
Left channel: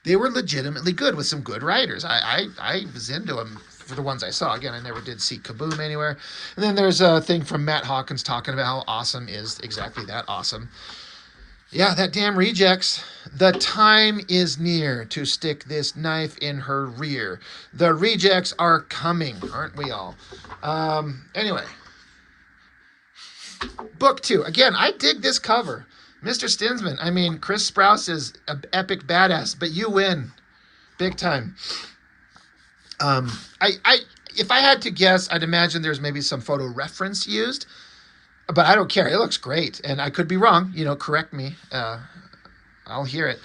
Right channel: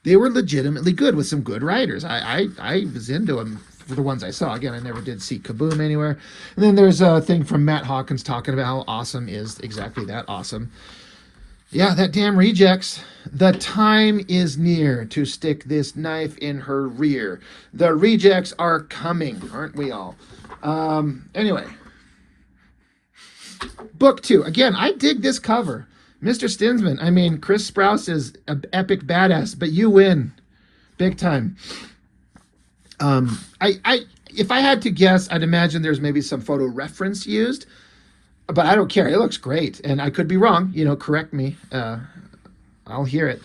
They were legitimately good with some good writers. I was into them for the ones I saw. Again, I never did see Kaboom anywhere. And then there's a thing from Matt Hawkins talking about how awesome is exactly that awesome. Yeah, that damn Rejects. The time is near to stick this knife in her rear. The Rejects are coming, aren't we all? Anyway. Book 2. Again, I dig this cover. Mr. Stinsman. I mean, Chris Sprouse is an epic badass, but you win. Big time. If I had to guess, I'd imagine there's maybe some photo reference used. But I don't care. It looks great. And I could be wrong. You know, correct me. I'll hear it.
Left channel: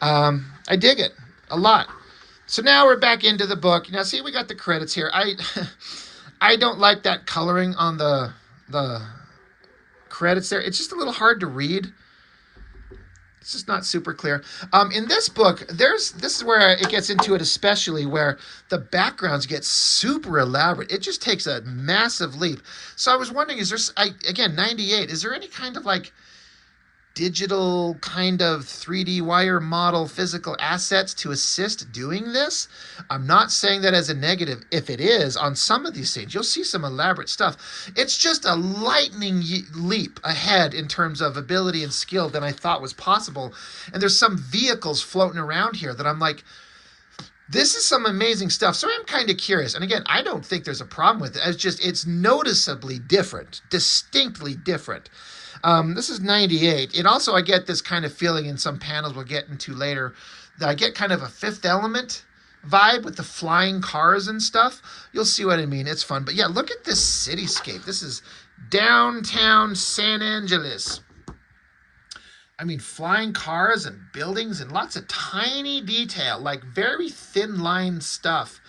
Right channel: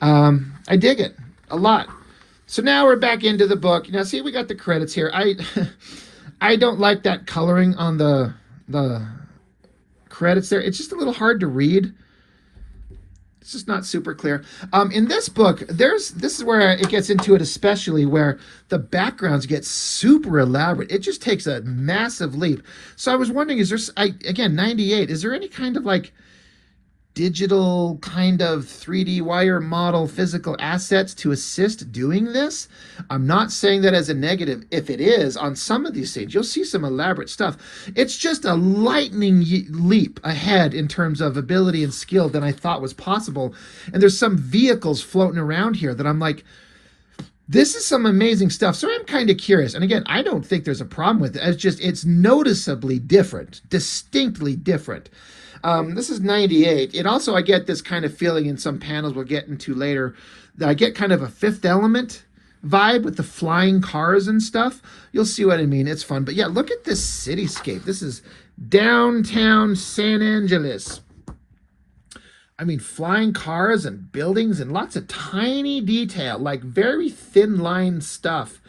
I dig it a lot. So now we're back into the book. Now, see, we got the credits here. I don't like that coloring on the credits there. It's just a little hard to read. It's just not super clear. In this book, this is where it gets into it, especially where the backgrounds get super elaborate. It just takes a massive leap. So I was wondering, is there, again, 98, is there any kind of like digital kind of 3D wire model physical assets to assist doing this? I'm not saying that as a negative. If it is, on some of these scenes, you'll see some elaborate stuff. It's just a lightning leap ahead in terms of ability and skill than I thought was possible. And there's some vehicles floating around here that I'm like, this is some amazing stuff. So I'm kind of curious. And again, I don't think there's a problem with it. It's noticeably different, distinctly different. This is 98. It also, I get this kind of feeling in some panels we'll get into later. I get kind of a Fifth Element vibe with the flying cars and stuff. You'll see what I mean. It's fun. But yeah, look at this cityscape. This is downtown San Angeles. I mean, flying cars and buildings and lots of tiny detail, like very thin line stuff.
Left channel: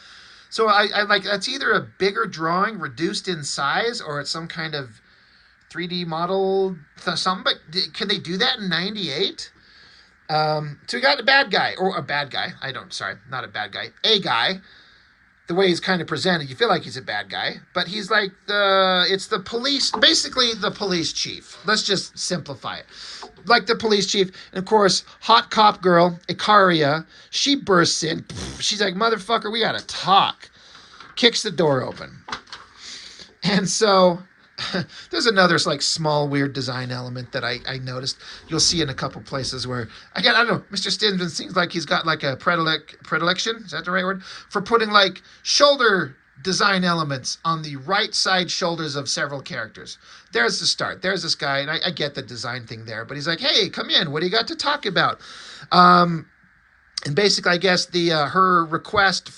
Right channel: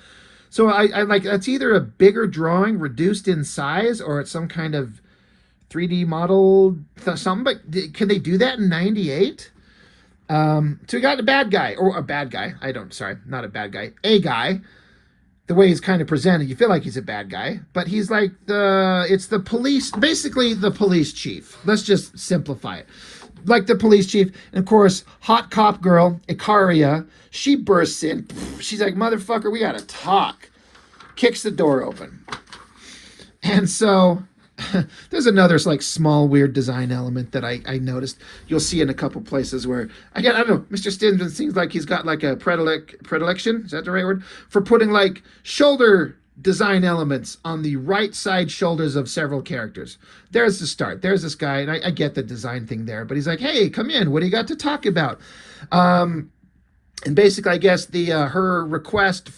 So I like, it's either a bigger drawing reduced in size or it's some kind of 3D model something, but can they do that in 98? So we got a bad guy, or a bad guy. Not a bad guy. A guy. The way he's kind of presented, you feel like he's a bad guy, but he's like it's the police, basically the police chief. Let's just simplify it. Like the police chief. And of course, hot cop girl, Icaria, she bursts in. She's like, motherfucker, we gotta talk. Kicks the door open. And so there's another like small weird design element that I noticed. You'll see in a couple places where, again, I don't know, Mr. Stinsman seems like he's got like a predilection, is that the right word? For putting like shoulder design elements on the right side shoulders of several characters. There's the start. There's this guy, and I get the design thing there, but he's like, hey, come in. What do you got to talk about? And basically, I guess her request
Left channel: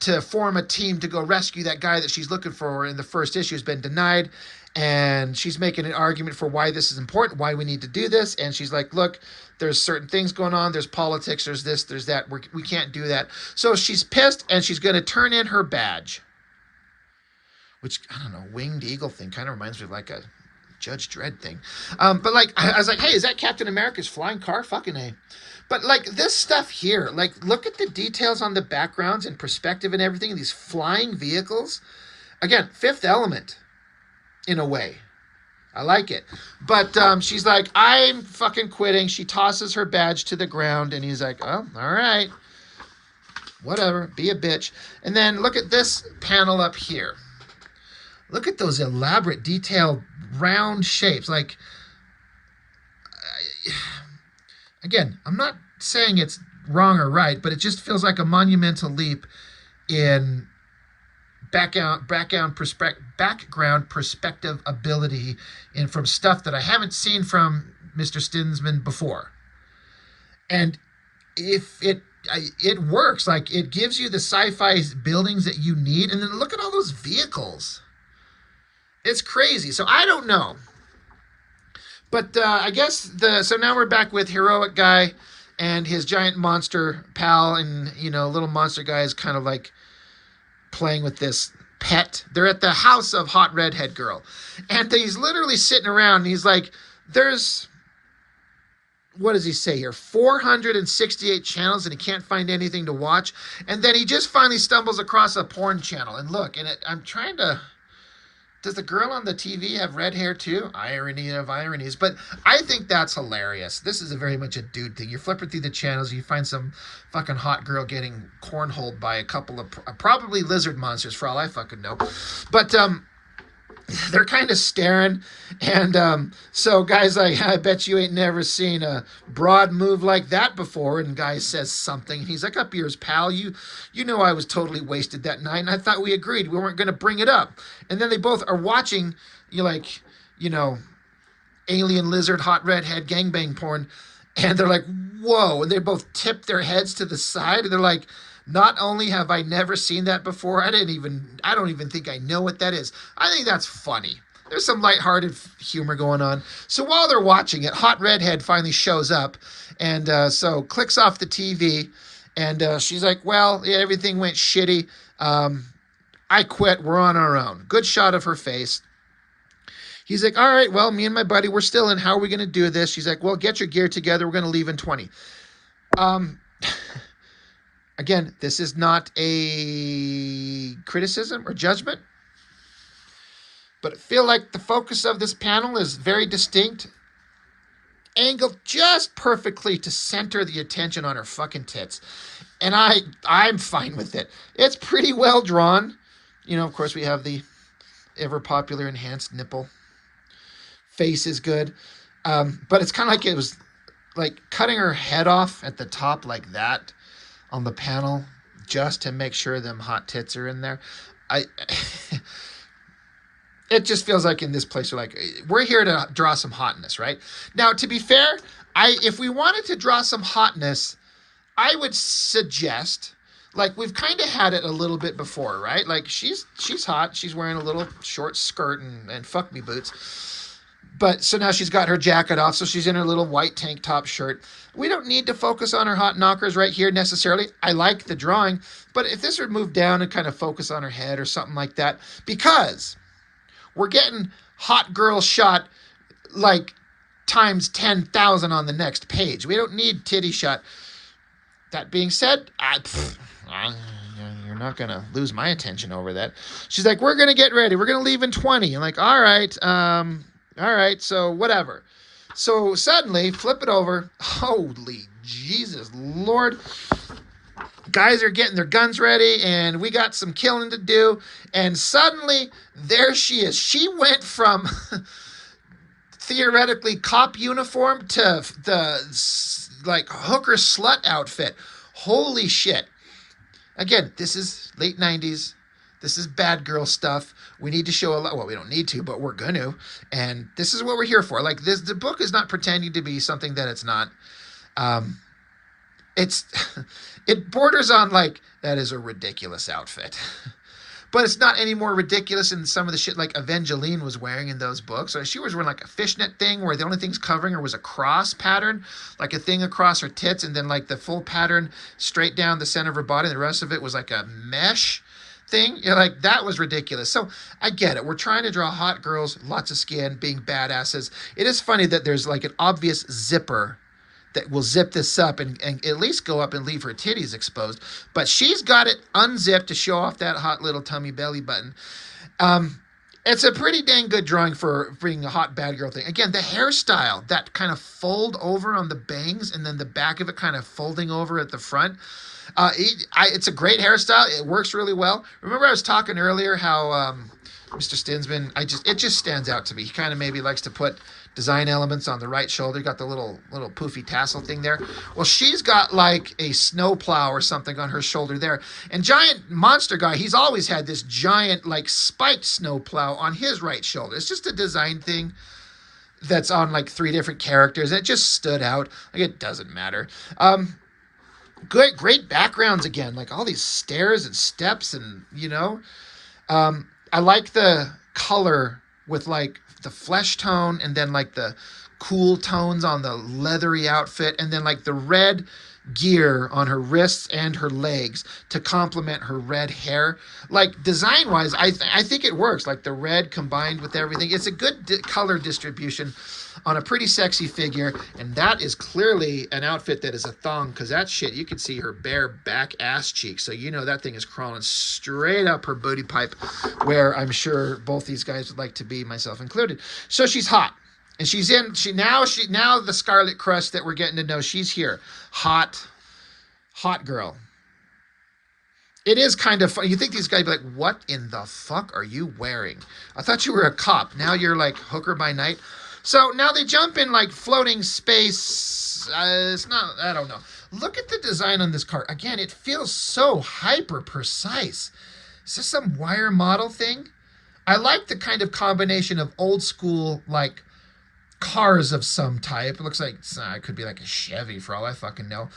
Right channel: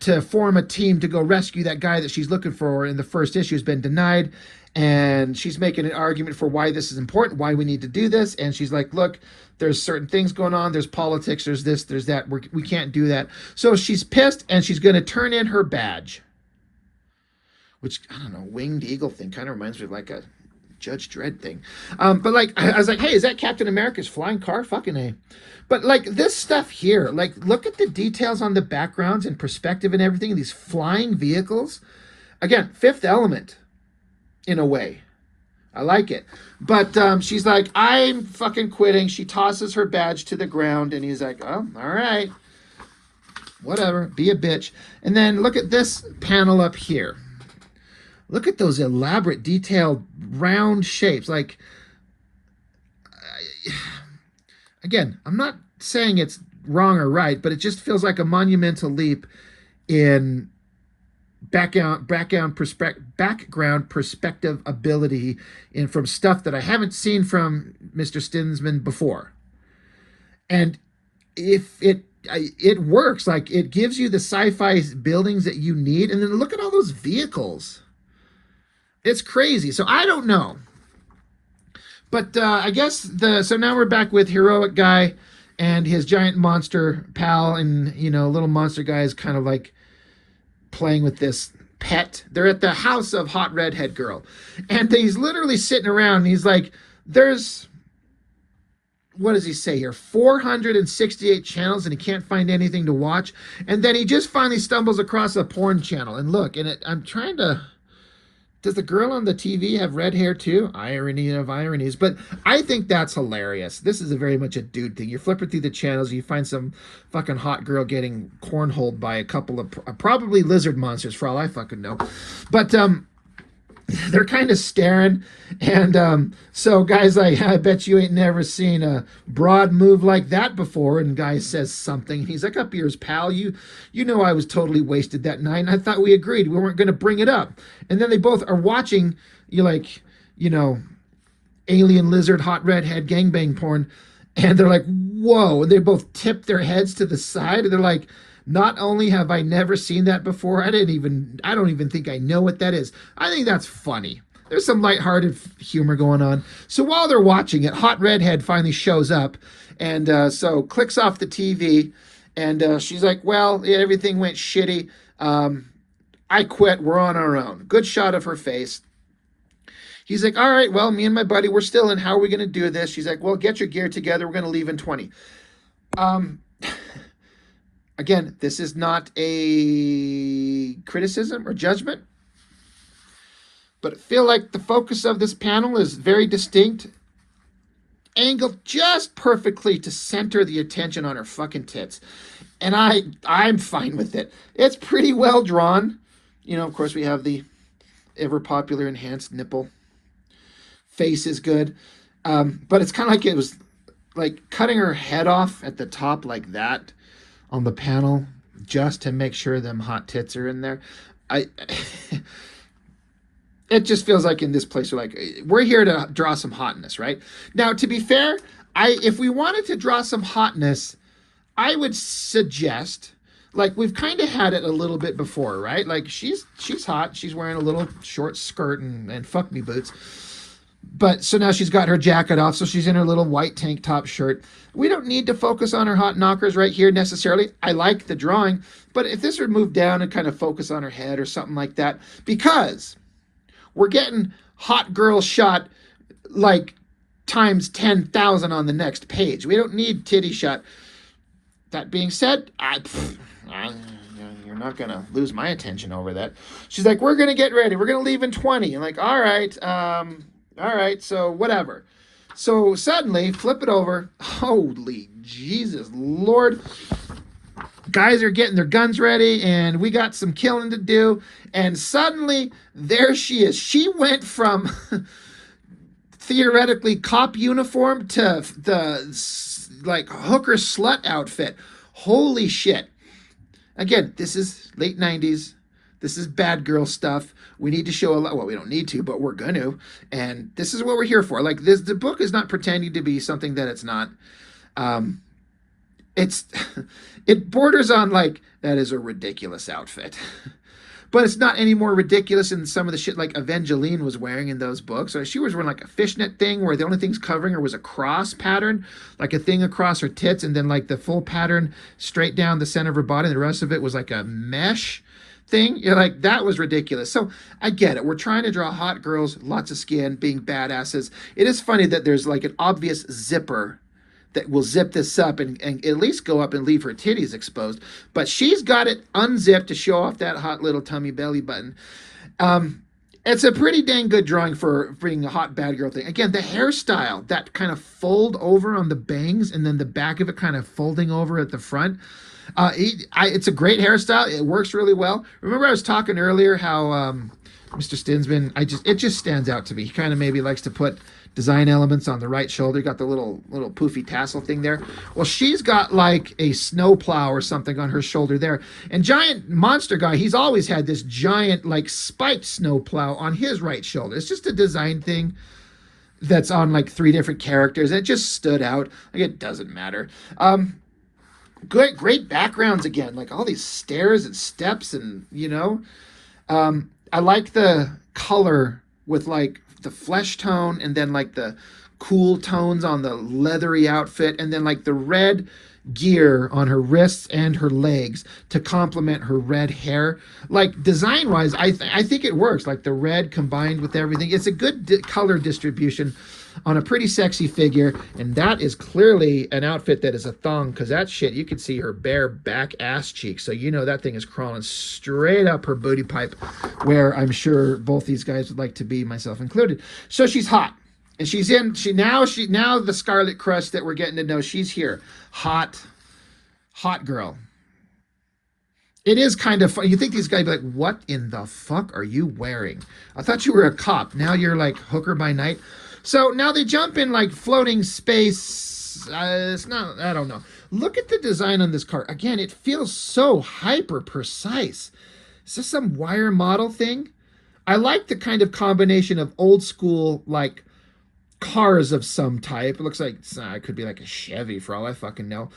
to form a team to go rescue that guy that she's looking for in the first issue has been denied. And she's making an argument for why this is important, why we need to do this. And she's like, look, there's certain things going on. There's politics. There's this, there's that. We can't do that. So she's pissed and she's going to turn in her badge. Which, I don't know, winged eagle thing. Kind of reminds me of like a Judge Dredd thing. But like, I was like, hey, is that Captain America's flying car? Fucking A. But like this stuff here, like look at the details on the backgrounds and perspective and everything. These flying vehicles. Again, Fifth Element in a way. I like it. But she's like, I'm fucking quitting. She tosses her badge to the ground and he's like, oh, all right. Whatever. Be a bitch. And then look at this panel up here. Look at those elaborate, detailed, round shapes. Like, again, I'm not saying it's wrong or right, but it just feels like a monumental leap in background perspective ability and from stuff that I haven't seen from Mr. Stinsman before. And if it works, like it gives you the sci-fi buildings that you need, and then look at all those vehicles. It's crazy. So I don't know. But I guess so now we're back with Heroic Guy and his giant monster pal, and little monster guy is kind of like playing with this pet. They're at the house of hot redhead girl, and he's literally sitting around and he's like, there's what does he say here? 468 channels, and he can't find anything to watch. And then he just finally stumbles across a porn channel. And look, and I'm trying to... Does the girl on the TV have red hair too? Irony of ironies. But I think that's hilarious. This is very much a dude thing. You're flipping through the channels, you find some fucking hot girl getting cornholed by a couple of probably lizard monsters, for all I fucking know. But they're kind of staring. And so guy's like, I bet you ain't never seen a broad move like that before. And guy says something. He's like, up yours, pal. You know I was totally wasted that night, and I thought we agreed we weren't going to bring it up. And then they both are watching, alien lizard, hot redhead, gangbang porn. And they're like, whoa. And they both tip their heads to the side. And they're like, not only have I never seen that before, I don't even think I know what that is. I think that's funny. There's some lighthearted humor going on. So while they're watching it, hot redhead finally shows up, and so clicks off the TV, and she's like, well, yeah, everything went shitty. I quit. We're on our own. Good shot of her face. He's like, all right, well, me and my buddy, we're still in. How are we going to do this? She's like, well, get your gear together. We're going to leave in 20. Again, this is not a criticism or judgment, but I feel like the focus of this panel is very distinct, angled just perfectly to center the attention on her fucking tits. And I'm fine with it. It's pretty well drawn. Of course, we have the ever popular enhanced nipple. Face is good. But it's kind of like it was like cutting her head off at the top like that on the panel just to make sure them hot tits are in there. It just feels like in this place we're here to draw some hotness, right? Now, to be fair, if we wanted to draw some hotness, I would suggest, like, we've kind of had it a little bit before, right? Like, she's hot. She's wearing a little short skirt and fuck me boots. But so now she's got her jacket off, so she's in her little white tank top shirt. We don't need to focus on her hot knockers right here necessarily. I like the drawing, but if this would move down and kind of focus on her head or something like that, because we're getting hot girl shot like times 10,000 on the next page. We don't need titty shot. That being said, you're not going to lose my attention over that. She's like, we're going to get ready. We're going to leave in 20. I'm like, all right, so whatever. So suddenly, flip it over. Holy Jesus Lord. Guys are getting their guns ready, and we got some killing to do. And suddenly, there she is. She went from theoretically cop uniform to the hooker slut outfit. Holy shit. Again, this is late 90s. This is bad girl stuff. We need to show a lot. Well, we don't need to, but we're going to. And this is what we're here for. Like, the book is not pretending to be something that it's not. It borders on, like, that is a ridiculous outfit. But it's not any more ridiculous than some of the shit like Evangeline was wearing in those books. Or she was wearing like a fishnet thing where the only thing's covering her was a cross pattern, like a thing across her tits, and then like the full pattern straight down the center of her body. And the rest of it was like a mesh thing. Like, that was ridiculous. So I get it. We're trying to draw hot girls, lots of skin, being badasses. It is funny that there's like an obvious zipper that will zip this up and at least go up and leave her titties exposed. But she's got it unzipped to show off that hot little tummy belly button. It's a pretty dang good drawing for being a hot bad girl thing. Again, the hairstyle, that kind of fold over on the bangs and then the back of it kind of folding over at the front. It's a great hairstyle. It works really well. Remember I was talking earlier how Mr. Stinsman, it just stands out to me. He kind of maybe likes to put design elements on the right shoulder. Got the little poofy tassel thing there. Well, she's got like a snowplow or something on her shoulder there. And Giant Monster Guy, he's always had this giant like spiked snowplow on his right shoulder. It's just a design thing that's on like 3 different characters. It just stood out. Like, it doesn't matter. Great backgrounds again. Like all these stairs and steps and, I like the color with like the flesh tone and then like the cool tones on the leathery outfit and then like the red gear on her wrists and her legs to complement her red hair. Like, design wise, I think it works. Like the red combined with everything, it's a good color distribution. on a pretty sexy figure. And that is clearly an outfit that is a thong, because that shit, you can see her bare back ass cheek. So you know that thing is crawling straight up her booty pipe, where I'm sure both these guys would like to be, myself included. So she's hot. And she's in, now the Scarlet Crush that we're getting to know, she's here. Hot girl. It is kind of fun. You think these guys be like, what in the fuck are you wearing? I thought you were a cop. Now you're like hooker by night. So now they jump in like floating space. It's not, I don't know. Look at the design on this car. Again, it feels so hyper precise. Is this some wire model thing? I like the kind of combination of old school, like cars of some type. It looks like it could be like a Chevy for all I fucking know.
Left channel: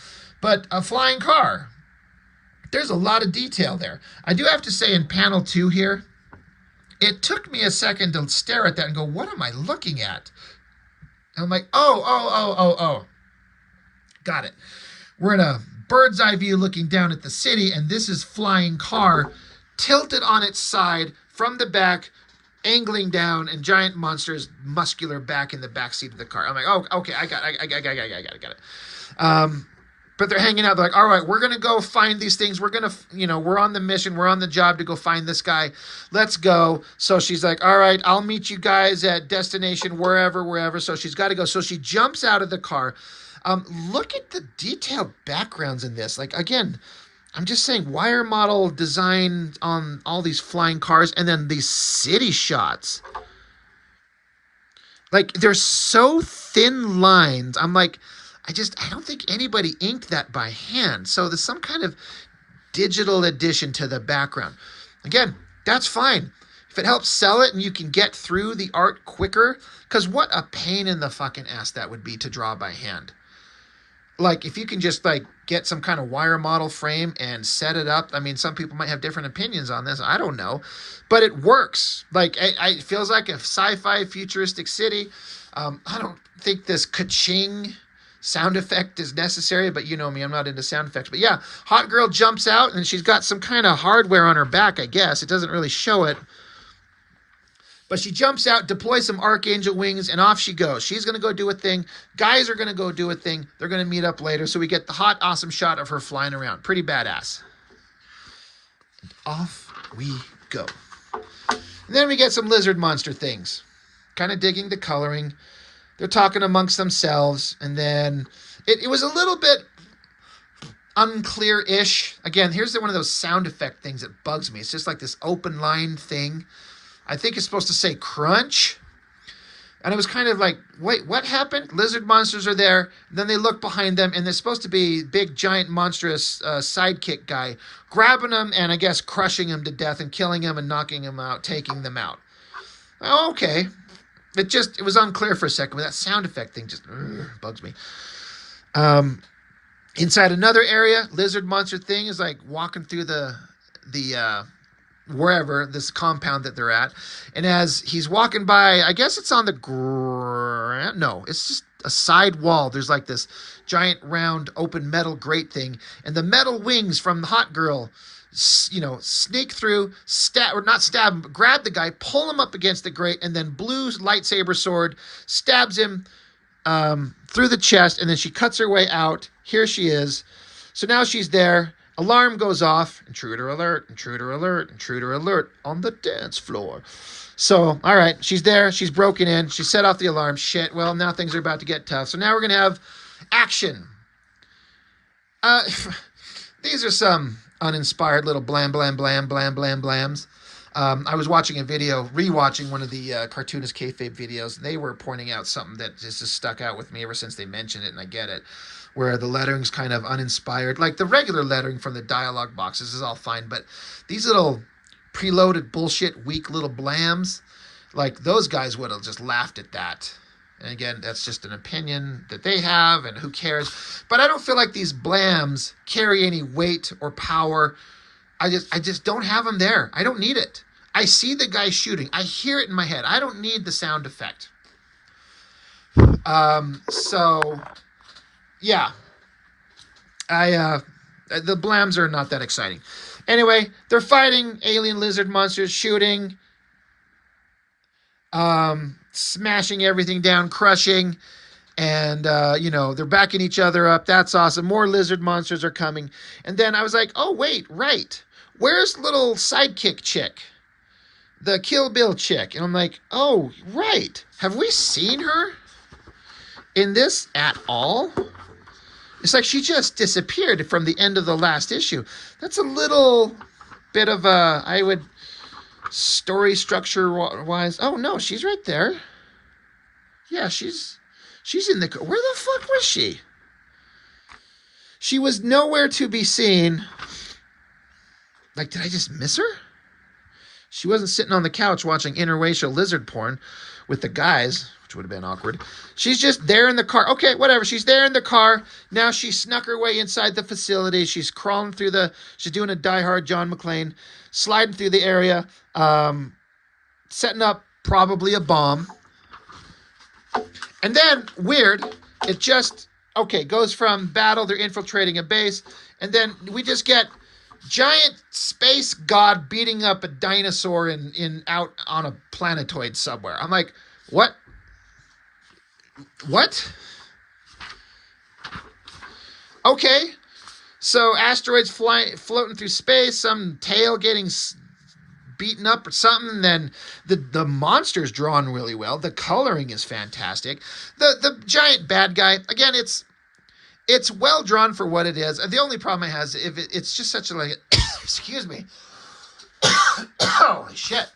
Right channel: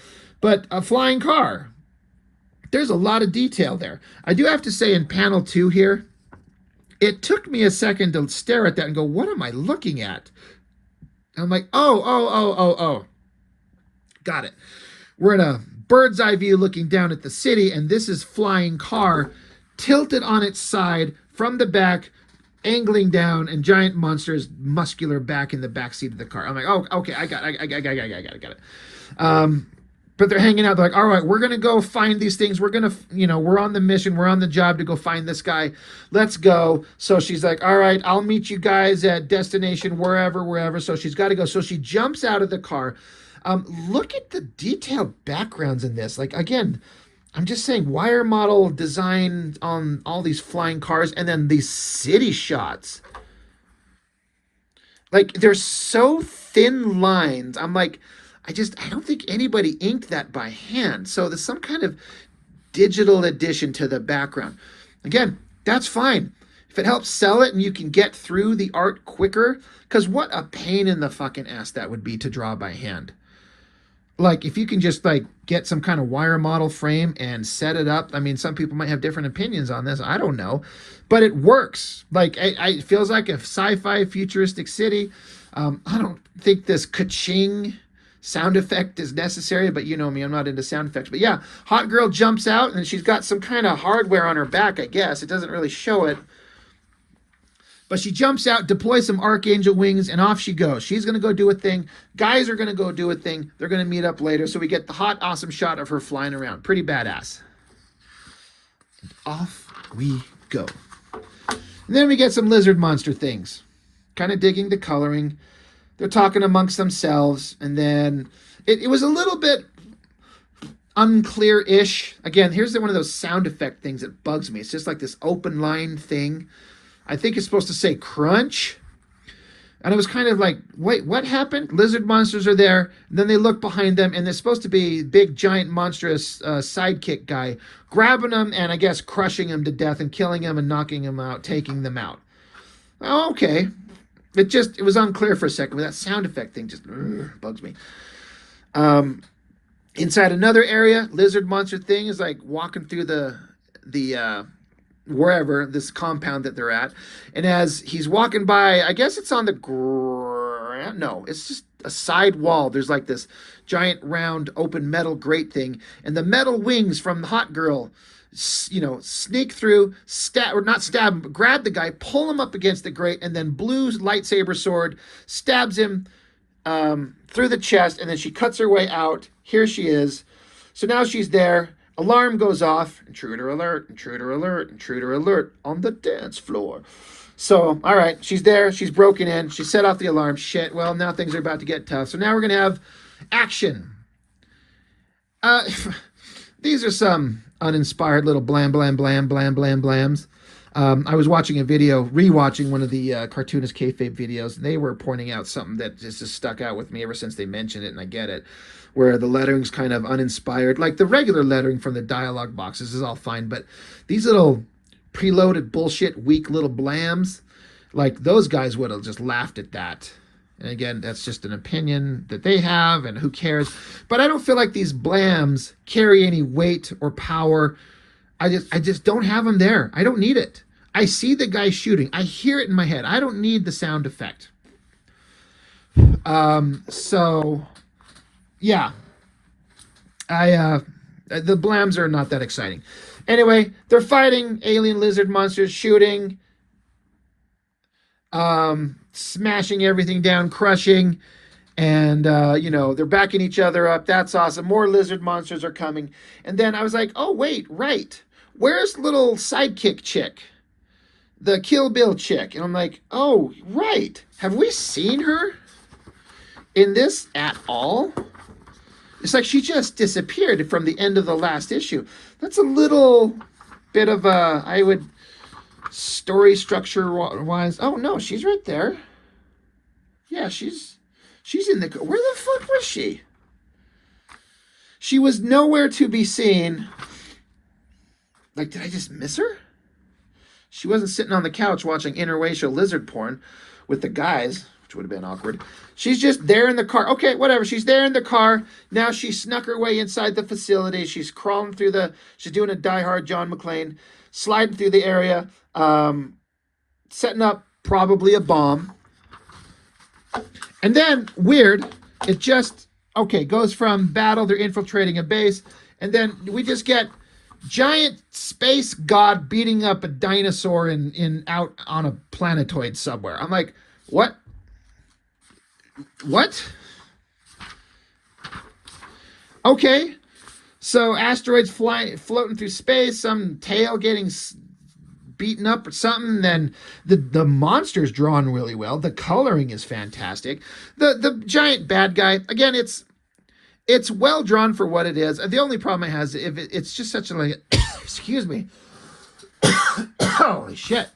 But a flying car. There's a lot of detail there. I do have to say, in panel 2 here, it took me a second to stare at that and go, what am I looking at? I'm like, oh. Got it. We're in a bird's eye view looking down at the city, and this is flying car tilted on its side from the back, angling down, and giant monster's muscular back in the back seat of the car. I'm like, oh, okay, I got it. But they're hanging out. They're like, all right, we're going to go find these things. We're going to, we're on the mission. We're on the job to go find this guy. Let's go. So she's like, all right, I'll meet you guys at destination wherever. So she's got to go. So she jumps out of the car. Look at the detailed backgrounds in this. Like, again, I'm just saying, wire model design on all these flying cars, and then these city shots. Like, they're so thin lines. I'm like, I don't think anybody inked that by hand. So there's some kind of digital addition to the background. Again, that's fine. If it helps sell it and you can get through the art quicker, because what a pain in the fucking ass that would be to draw by hand. Like, if you can just like get some kind of wire model frame and set it up. I mean, some people might have different opinions on this. I don't know, but it works. Like, it feels like a sci-fi futuristic city. I don't think this ka-ching sound effect is necessary, but you know me, I'm not into sound effects. But yeah, hot girl jumps out, and she's got some kind of hardware on her back, I guess. It doesn't really show it. But she jumps out, deploys some archangel wings, and off she goes. She's going to go do a thing. Guys are going to go do a thing. They're going to meet up later. So we get the hot, awesome shot of her flying around. Pretty badass. And off we go. And then we get some lizard monster things. Kind of digging the coloring. They're talking amongst themselves, and then it was a little bit unclear-ish. Again, here's one of those sound effect things that bugs me. It's just like this open line thing. I think it's supposed to say crunch. And it was kind of like, wait, what happened? Lizard monsters are there, and then they look behind them, and there's supposed to be big, giant, monstrous sidekick guy grabbing them and I guess crushing them to death and killing them and knocking them out, taking them out. Oh, okay. It was unclear for a second, but that sound effect thing just bugs me. Inside another area, lizard monster thing is like walking through the wherever, this compound that they're at. And as he's walking by, I guess it's on the ground. No, it's just a side wall. There's like this giant round open metal grate thing. And the metal wings from the hot girl, sneak through, grab the guy, pull him up against the grate, and then Blue's lightsaber sword stabs him through the chest, and then she cuts her way out. Here she is. So now she's there. Alarm goes off. Intruder alert, intruder alert, intruder alert on the dance floor. So, all right, she's there. She's broken in. She set off the alarm. Shit, well, now things are about to get tough. So now we're going to have action. These are some uninspired little blams. I was watching a video, rewatching one of the cartoonist kayfabe videos, and they were pointing out something that just stuck out with me ever since they mentioned it, and I get it, where the lettering's kind of uninspired. Like the regular lettering from the dialogue boxes is all fine, but these little preloaded bullshit, weak little blams, like those guys would have just laughed at that. And again, that's just an opinion that they have, and who cares? But I don't feel like these blams carry any weight or power. I just don't have them there. I don't need it. I see the guy shooting. I hear it in my head. I don't need the sound effect. So, yeah. The blams are not that exciting. Anyway, they're fighting alien lizard monsters, shooting. smashing everything down, crushing. And, they're backing each other up. That's awesome. More lizard monsters are coming. And then I was like, oh, wait, right. Where's little sidekick chick? The Kill Bill chick. And I'm like, oh, right. Have we seen her in this at all? It's like she just disappeared from the end of the last issue. That's a little bit of a, I would, story structure wise. Oh, no, she's right there. Yeah, she's in the, where the fuck was she? She was nowhere to be seen. Like, did I just miss her? She wasn't sitting on the couch watching interracial lizard porn with the guys, which would have been awkward. She's just there in the car. Okay, whatever. She's there in the car. Now she snuck her way inside the facility. She's crawling through she's doing a Die Hard John McClane, sliding through the area, setting up probably a bomb. And then, weird, it just, goes from battle, they're infiltrating a base, and then we just get giant space god beating up a dinosaur out on a planetoid somewhere. I'm like, what? Okay, so asteroids floating through space, some tail getting beaten up or something. Then the monster's drawn really well. The coloring is fantastic. The giant bad guy, again, it's well drawn for what it is. The only problem it has, it's just such a, like, excuse me. Holy shit.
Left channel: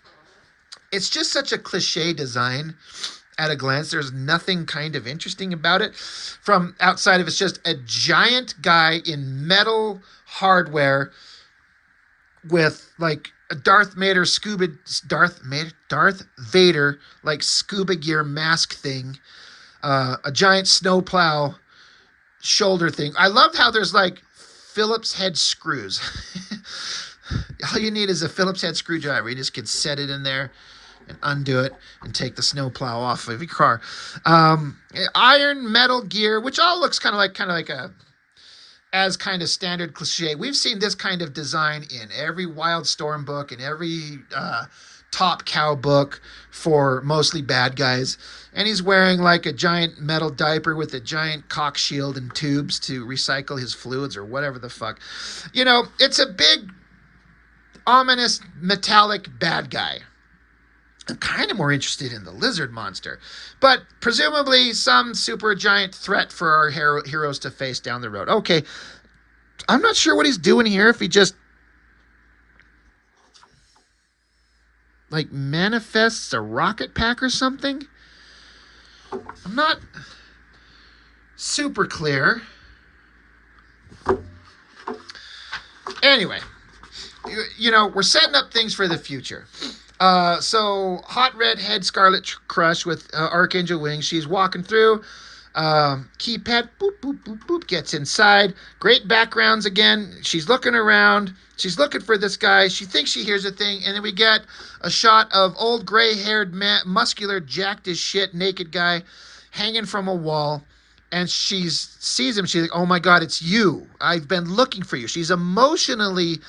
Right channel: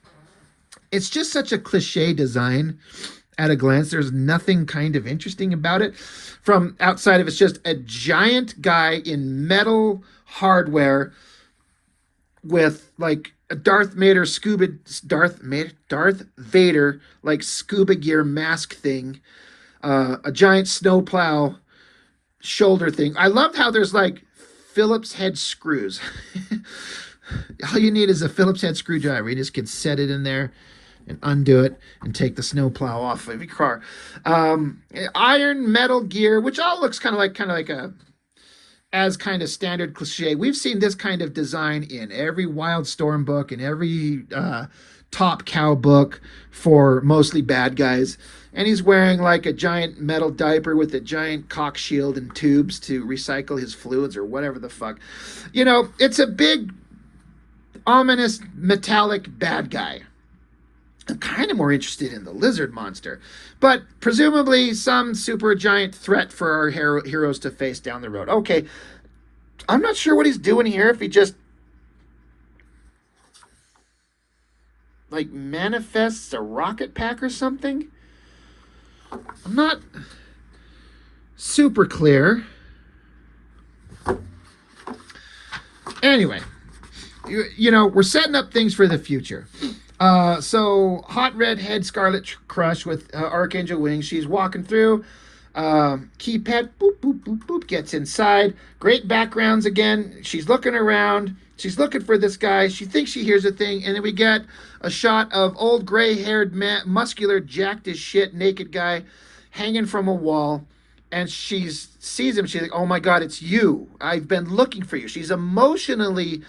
It's just such a cliche design at a glance. There's nothing kind of interesting about it from outside of it's just a giant guy in metal hardware with like a Darth Vader like scuba gear mask thing, a giant snowplow shoulder thing. I love how there's like Phillips head screws. All you need is a Phillips head screwdriver. You just can set it in there and undo it and take the snowplow off of your car. Iron metal gear, which all looks kind of like a as kind of standard cliche. We've seen this kind of design in every Wildstorm book and every Top Cow book for mostly bad guys. And he's wearing like a giant metal diaper with a giant cock shield and tubes to recycle his fluids or whatever the fuck. It's a big, ominous, metallic bad guy. I'm kind of more interested in the lizard monster, but presumably some super giant threat for our heroes to face down the road. Okay, I'm not sure what he's doing here, if he just like manifests a rocket pack or something. I'm not super clear. Anyway, we're setting up things for the future. So hot redhead Scarlet Crush with Archangel wings. She's walking through. Keypad, boop, boop, boop, boop, gets inside. Great backgrounds again. She's looking around. She's looking for this guy. She thinks she hears a thing. And then we get a shot of old gray-haired, muscular, jacked as shit, naked guy hanging from a wall. And she sees him. She's like, oh my God, it's you. I've been looking for you. She's emotionally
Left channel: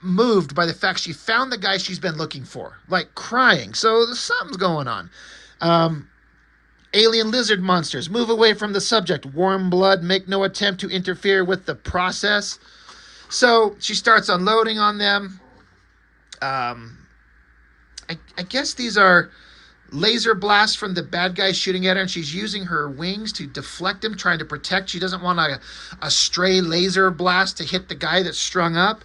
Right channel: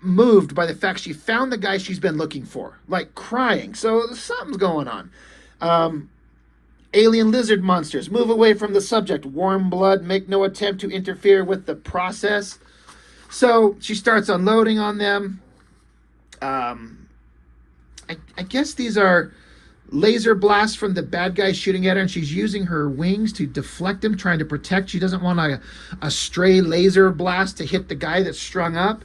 moved by the fact she found the guy she's been looking for, like crying. So something's going on. Alien lizard monsters, move away from the subject. Warm blood, make no attempt to interfere with the process. So she starts unloading on them. I guess these are laser blasts from the bad guy shooting at her, and she's using her wings to deflect them, trying to protect. She doesn't want a stray laser blast to hit the guy that's strung up.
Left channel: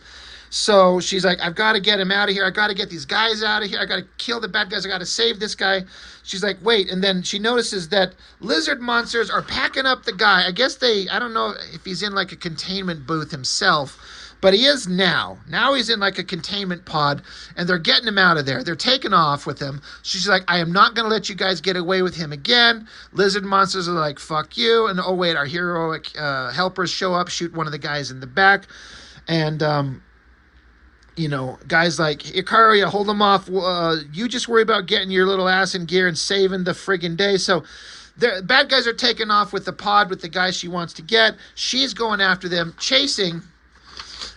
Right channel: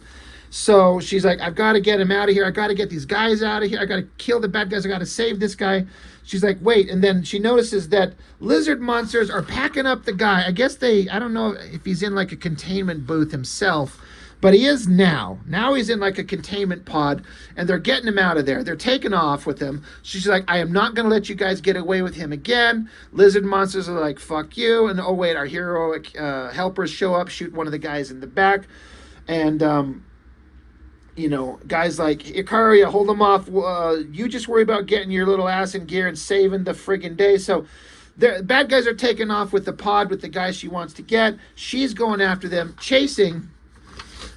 So she's like, I've got to get him out of here. I got to get these guys out of here. I got to kill the bad guys. I got to save this guy. She's like, wait. And then she notices that lizard monsters are packing up the guy. I guess I don't know if he's in like a containment booth himself, but he is now. Now he's in like a containment pod, and they're getting him out of there. They're taking off with him. She's like, I am not going to let you guys get away with him again. Lizard monsters are like, fuck you. And oh, wait, our heroic helpers show up, shoot one of the guys in the back. And, guys like, Ikaria, hold them off. You just worry about getting your little ass in gear and saving the friggin' day. So the bad guys are taking off with the pod with the guy she wants to get. She's going after them, chasing.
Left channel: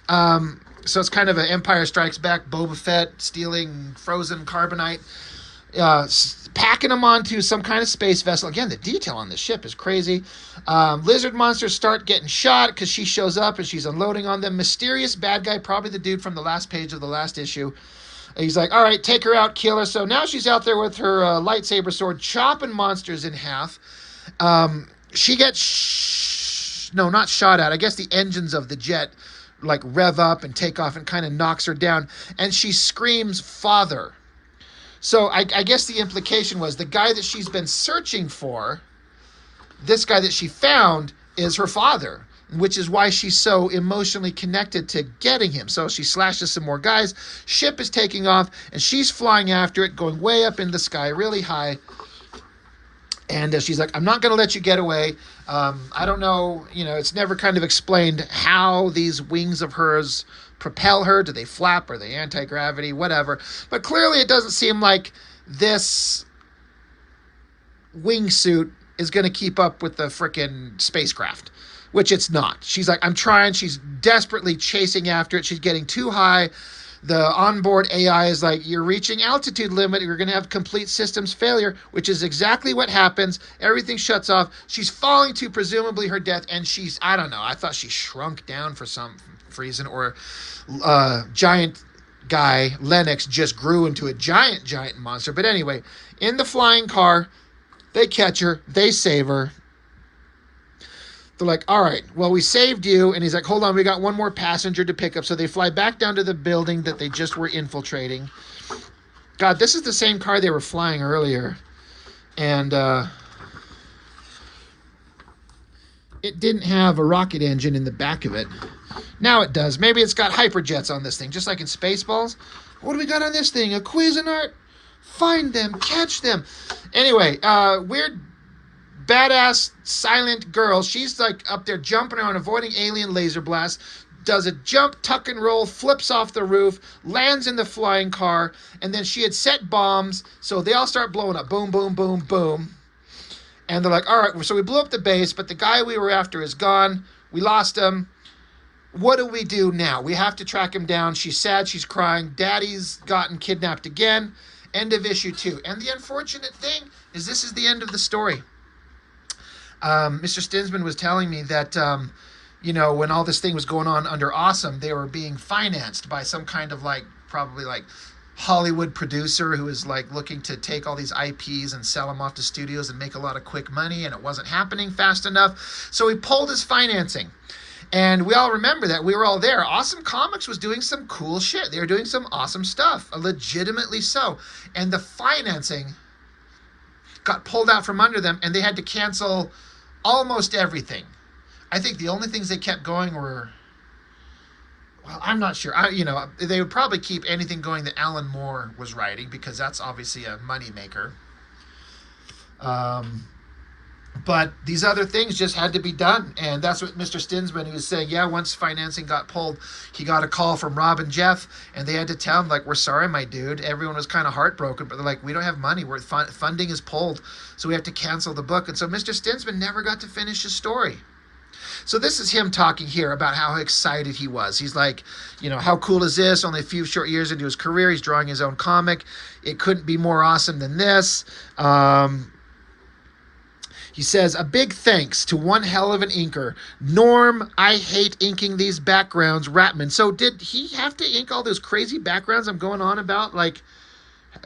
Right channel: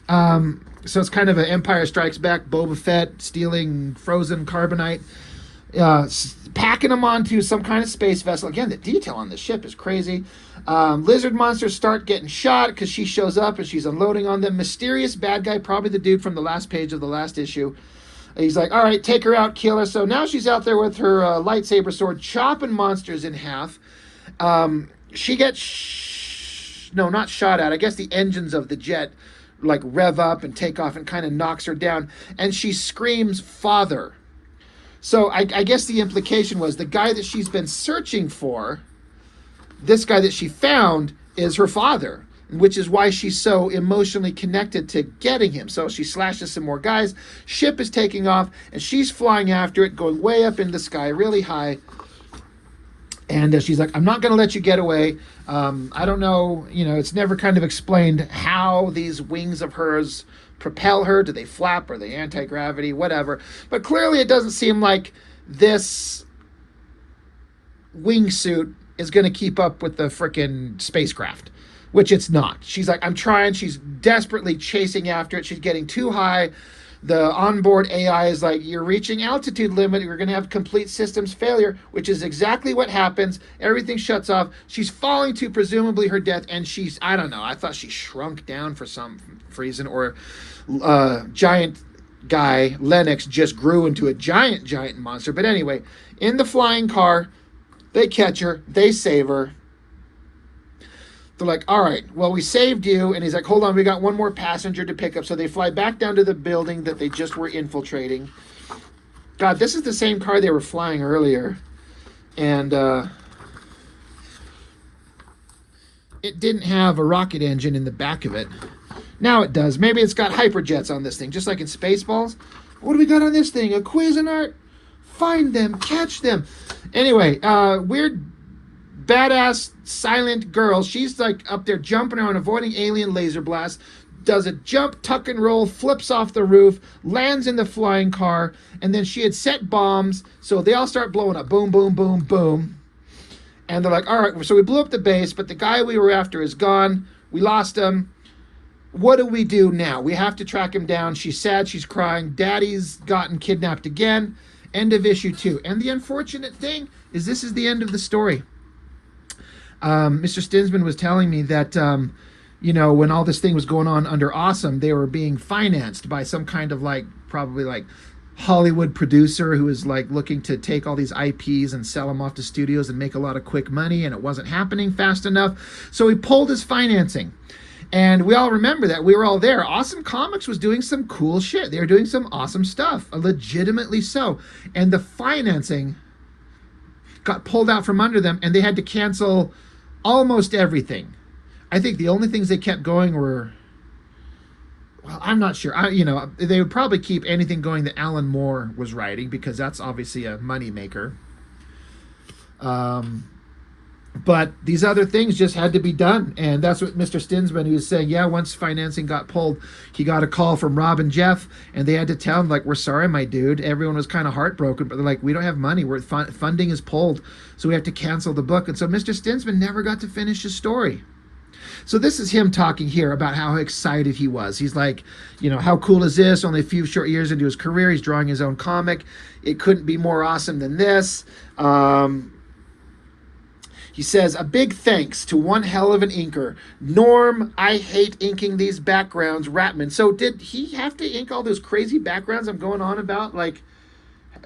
So it's kind of an Empire Strikes Back, Boba Fett stealing frozen carbonite. packing them onto some kind of space vessel. Again, the detail on this ship is crazy. Lizard monsters start getting shot because she shows up and she's unloading on them. Mysterious bad guy, probably the dude from the last page of the last issue. He's like, all right, take her out, kill her. So now she's out there with her lightsaber sword, chopping monsters in half. She gets, no, not shot at. I guess the engines of the jet like rev up and take off and kind of knocks her down. And she screams, "Father." So I guess the implication was the guy that she's been searching for, this guy that she found, is her father, which is why she's so emotionally connected to getting him. So she slashes some more guys. Ship is taking off, and she's flying after it, going way up in the sky, really high. And she's like, I'm not going to let you get away. I don't know, it's never kind of explained how these wings of hers propel her. Do they flap? Are they anti-gravity? Whatever. But clearly it doesn't seem like this wingsuit is going to keep up with the frickin' spacecraft, which it's not. She's like, I'm trying. She's desperately chasing after it. She's getting too high. The onboard AI is like, you're reaching altitude limit. You're going to have complete systems failure, which is exactly what happens. Everything shuts off. She's falling to presumably her death. And she's, I don't know, I thought she shrunk down for some reason, or giant guy, Lennox, just grew into a giant monster. But anyway, in the flying car, they catch her. They save her. They're like, all right, well, we saved you. And he's like, hold on, we got one more passenger to pick up. So they fly back down to the building that they just were infiltrating. God, this is the same car they were flying earlier. And it didn't have a rocket engine in the back of it. Now it does. Maybe it's got hyperjets on this thing, just like in Spaceballs. What do we got on this thing? A Cuisinart? Find them, catch them. Anyway, weird badass silent girl. She's like up there jumping around, avoiding alien laser blasts, does a jump, tuck and roll, flips off the roof, lands in the flying car, and then she had set bombs, so they all start blowing up. Boom, boom, boom, boom. And they're like, all right, so we blew up the base, but the guy we were after is gone. We lost him. What do we do now? We have to track him down. She's sad, she's crying. Daddy's gotten kidnapped again. End of issue 2. And the unfortunate thing is this is the end of the story. Mr. Stinsman was telling me that, when all this thing was going on under Awesome, they were being financed by some kind of probably Hollywood producer who was looking to take all these IPs and sell them off to studios and make a lot of quick money, and it wasn't happening fast enough. So he pulled his financing. And we all remember that. We were all there. Awesome Comics was doing some cool shit. They were doing some awesome stuff, legitimately so. And the financing got pulled out from under them, and they had to cancel almost everything. I think the only things they kept going were, well, I'm not sure. They would probably keep anything going that Alan Moore was writing, because that's obviously a moneymaker. But these other things just had to be done. And that's what Mr. Stinsman, who was saying, yeah, once financing got pulled, he got a call from Rob and Jeff, and they had to tell him, we're sorry, my dude. Everyone was kind of heartbroken, but they're like, we don't have money. Funding is pulled, so we have to cancel the book. And so Mr. Stinsman never got to finish his story. So this is him talking here about how excited he was. He's like, how cool is this? Only a few short years into his career, he's drawing his own comic. It couldn't be more awesome than this. He says, a big thanks to one hell of an inker, Norm. I hate inking these backgrounds, Ratman. So did he have to ink all those crazy backgrounds I'm going on about?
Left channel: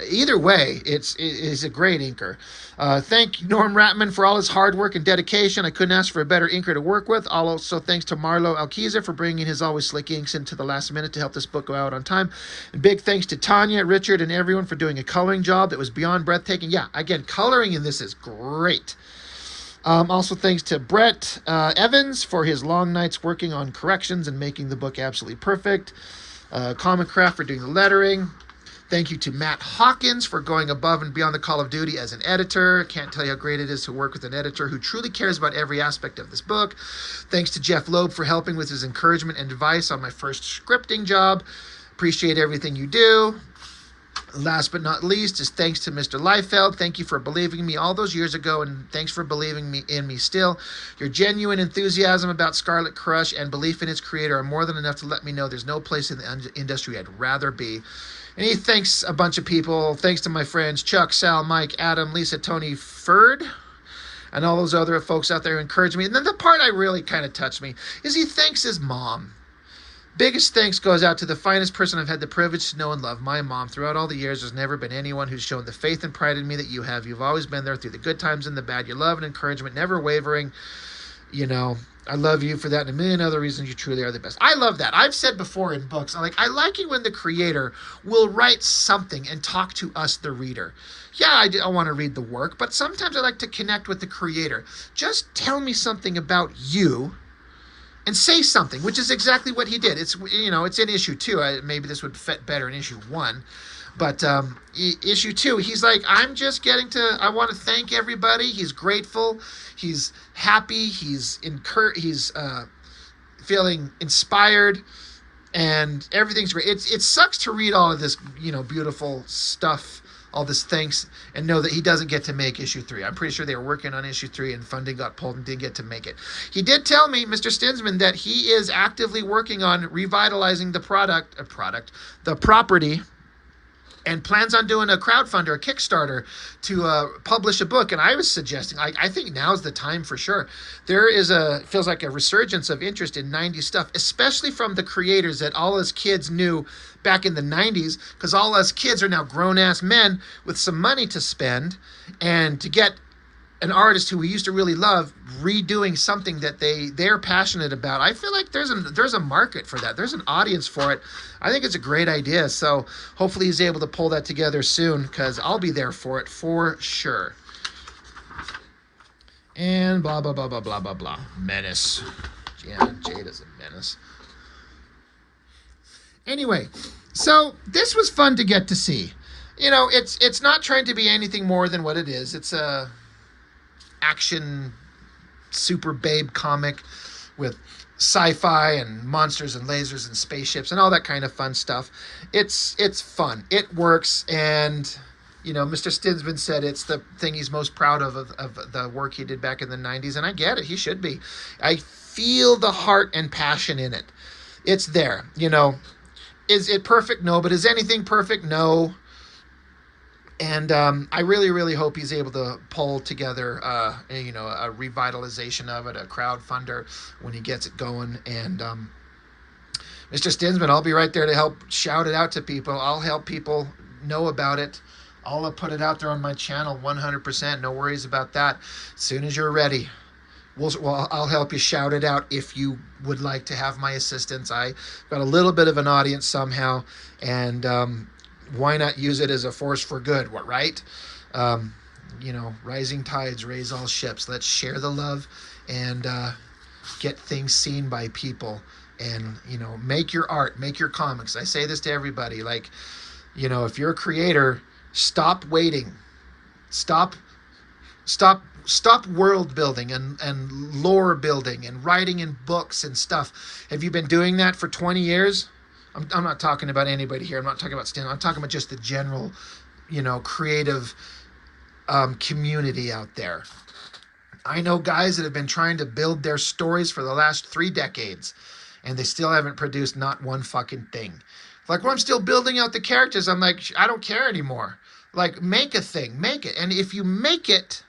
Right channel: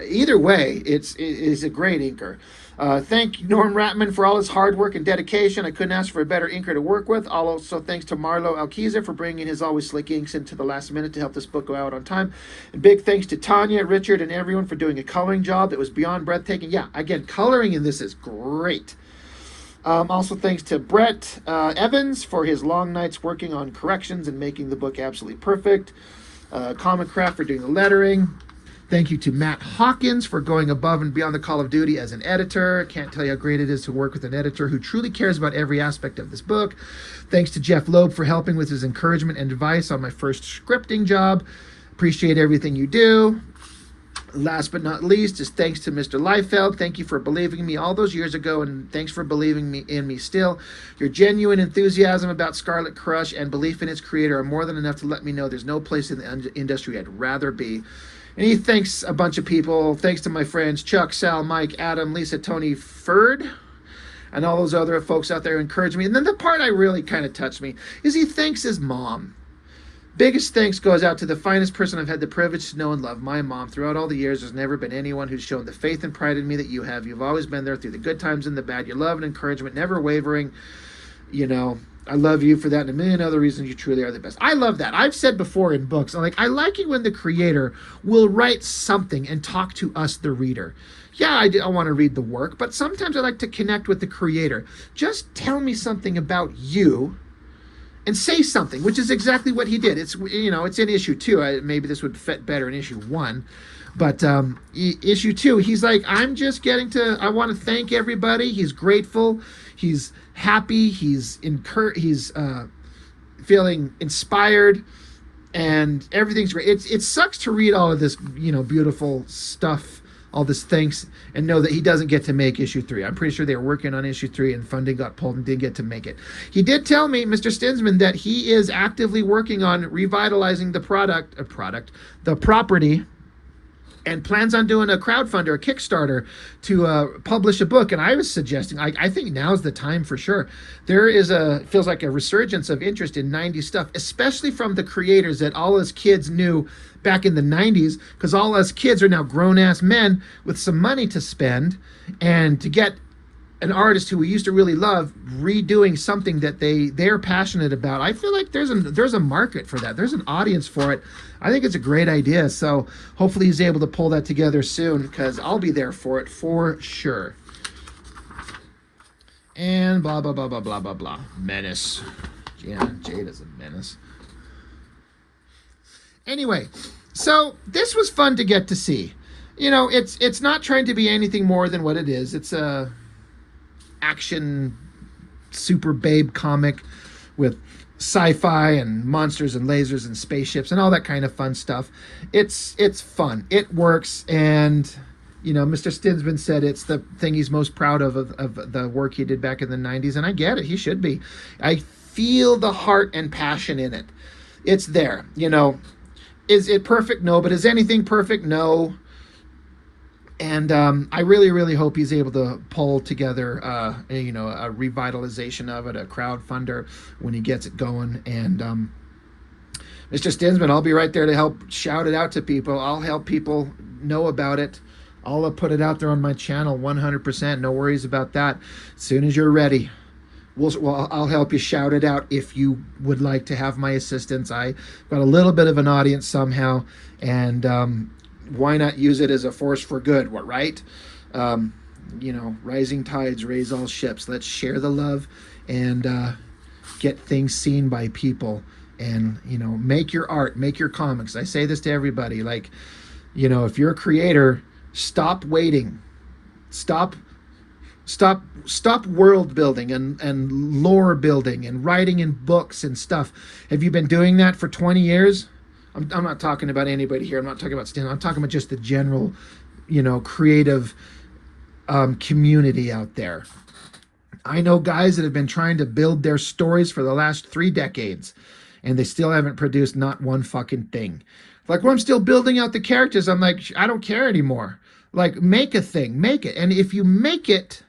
Either way, it's a great inker. Thank Norm Ratman for all his hard work and dedication. I couldn't ask for a better inker to work with. Also, thanks to Marlo Alquiza for bringing his always slick inks into the last minute to help this book go out on time. And big thanks to Tanya, Richard, and everyone for doing a coloring job that was beyond breathtaking. Yeah, again, coloring in this is great. Also thanks to Brett Evans for his long nights working on corrections and making the book absolutely perfect. Comic Craft for doing the lettering. Thank you to Matt Hawkins for going above and beyond the call of duty as an editor. Can't tell you how great it is to work with an editor who truly cares about every aspect of this book. Thanks to Jeff Loeb for helping with his encouragement and advice on my first scripting job. Appreciate everything you do. Last but not least is thanks to Mr. Liefeld. Thank you for believing in me all those years ago, and thanks for believing in me still. Your genuine enthusiasm about Scarlet Crush and belief in its creator are more than enough to let me know there's no place in the industry I'd rather be. And he thanks a bunch of people. Thanks to my friends Chuck, Sal, Mike, Adam, Lisa, Tony, Ferd, and all those other folks out there who encourage me. And then the part I really kind of touched me is he thanks his mom. Biggest thanks goes out to the finest person I've had the privilege to know and love, my mom. Throughout all the years, there's never been anyone who's shown the faith and pride in me that you have. You've always been there through the good times and the bad. Your love and encouragement, never wavering. You know, I love you for that and a million other reasons. You truly are the best. I love that. I've said before in books, I like it when the creator will write something and talk to us, the reader. Yeah, I want to read the work, but sometimes I like to connect with the creator. Just tell me something about you and say something, which is exactly what he did. It's, you know, it's in issue 2. Maybe this would fit better in issue 1. But issue 2, he's like, I'm just I want to thank everybody. He's grateful. He's happy. He's feeling inspired, and everything's great. It sucks to read all of this, you know, beautiful stuff, all this thanks, and know that he doesn't get to make issue 3. I'm pretty sure they were working on issue 3 and funding got pulled and didn't get to make it. He did tell me, Mr. Stinsman, that he is actively working on revitalizing the property, and plans on doing a crowdfunder, a Kickstarter, to publish a book. And I was suggesting, I think now's the time for sure. There is feels like a resurgence of interest in 90s stuff, especially from the creators that all us kids knew back in the 90s, because all us kids are now grown-ass men with some money to spend, and to get an artist who we used to really love redoing something that they're passionate about. I feel like there's a market for that. There's an audience for it. I think it's a great idea. So hopefully he's able to pull that together soon, because I'll be there for it for sure. And blah, blah, blah, blah, blah, blah, blah. Menace. Yeah, Jada's a menace. Anyway, so this was fun to get to see. You know, it's not trying to be anything more than what it is. It's a action super babe comic with sci-fi and monsters and lasers and spaceships and all that kind of fun stuff. It's fun. It works. And, you know, Mr. Stinsman said it's the thing he's most proud of the work he did back in the 90s. And I get it. He should be. I feel the heart and passion in it. It's there. You know, is it perfect? No. But is anything perfect? No. And I really, really hope he's able to pull together, a revitalization of it, a crowdfunder when he gets it going. And Mr. Stinsman, I'll be right there to help shout it out to people. I'll help people know about it. I'll put it out there on my channel 100%. No worries about that. As soon as you're ready, I'll help you shout it out if you would like to have my assistance. I got a little bit of an audience somehow, and why not use it as a force for good, right? You know, rising tides raise all ships. Let's share the love and get things seen by people. And, you know, make your art, make your comics. I say this to everybody. Like, you know, if you're a creator, stop waiting. Stop world building and lore building and writing in books and stuff. Have you been doing that for 20 years? I'm not talking about anybody here. I'm not talking about Stan. I'm talking about just the general, you know, creative community out there. I know guys that have been trying to build their stories for the last 3 decades, and they still haven't produced not one fucking thing. Like, well, I'm still building out the characters. I'm like, I don't care anymore. Like, make a thing. Make it. And if you make it,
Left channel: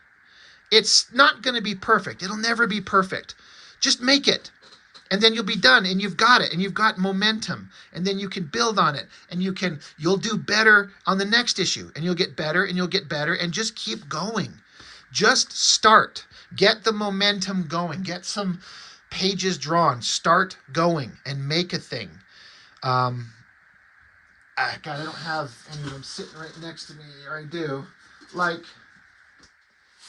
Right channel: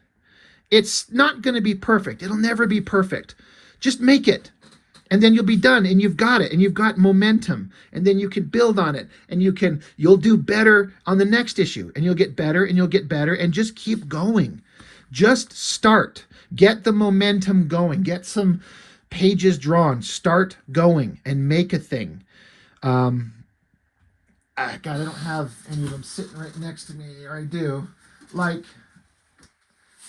it's not going to be perfect. It'll never be perfect. Just make it. And then you'll be done, and you've got it, and you've got momentum, and then you can build on it, and you'll do better on the next issue, and you'll get better, and you'll get better, and just keep going. Just start. Get the momentum going. Get some pages drawn. Start going and make a thing. God, I don't have any of them sitting right next to me, or I do. Like,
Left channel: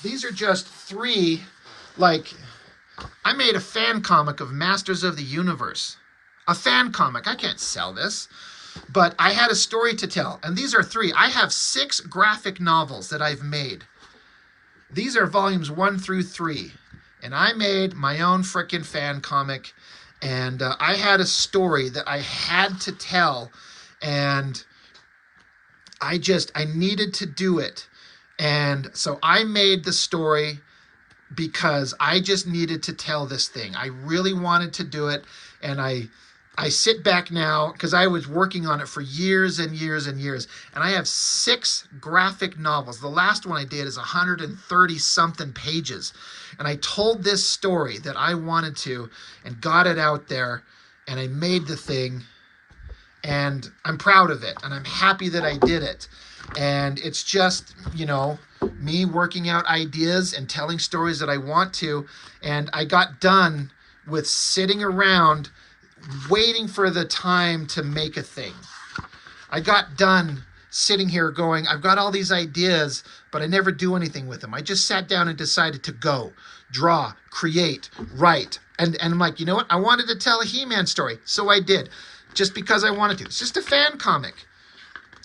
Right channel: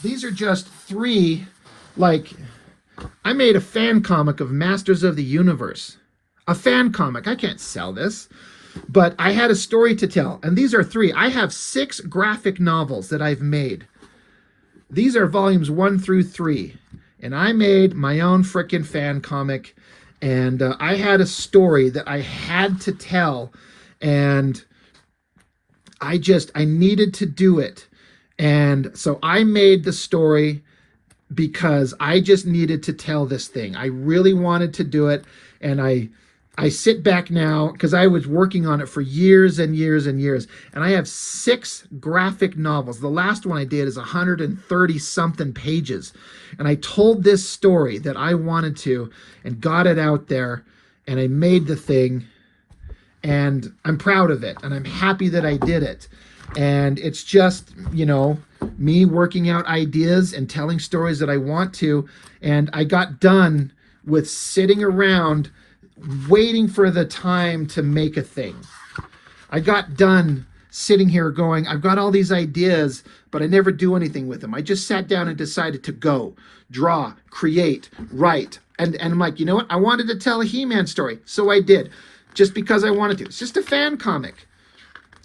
these are just 3, like, I made a fan comic of Masters of the Universe. A fan comic. I can't sell this. But I had a story to tell. And these are 3. I have 6 graphic novels that I've made. These are volumes 1 through 3. And I made my own frickin' fan comic. And I had a story that I had to tell. And I needed to do it. And so I made the story because I just needed to tell this thing. I really wanted to do it, and I I sit back now because I was working on it for years and years and years, and I have 6 graphic novels. The last one I did is 130 something pages, and I told this story that I wanted to, and got it out there, and I made the thing, and I'm proud of it, and I'm happy that I did it. And it's just, me working out ideas and telling stories that I want to, and I got done with sitting around waiting for the time to make a thing. I got done sitting here going, I've got all these ideas, but I never do anything with them. I just sat down and decided to go, draw, create, write. And I'm like, you know what? I wanted to tell a He-Man story, so I did, just because I wanted to. It's just a fan comic.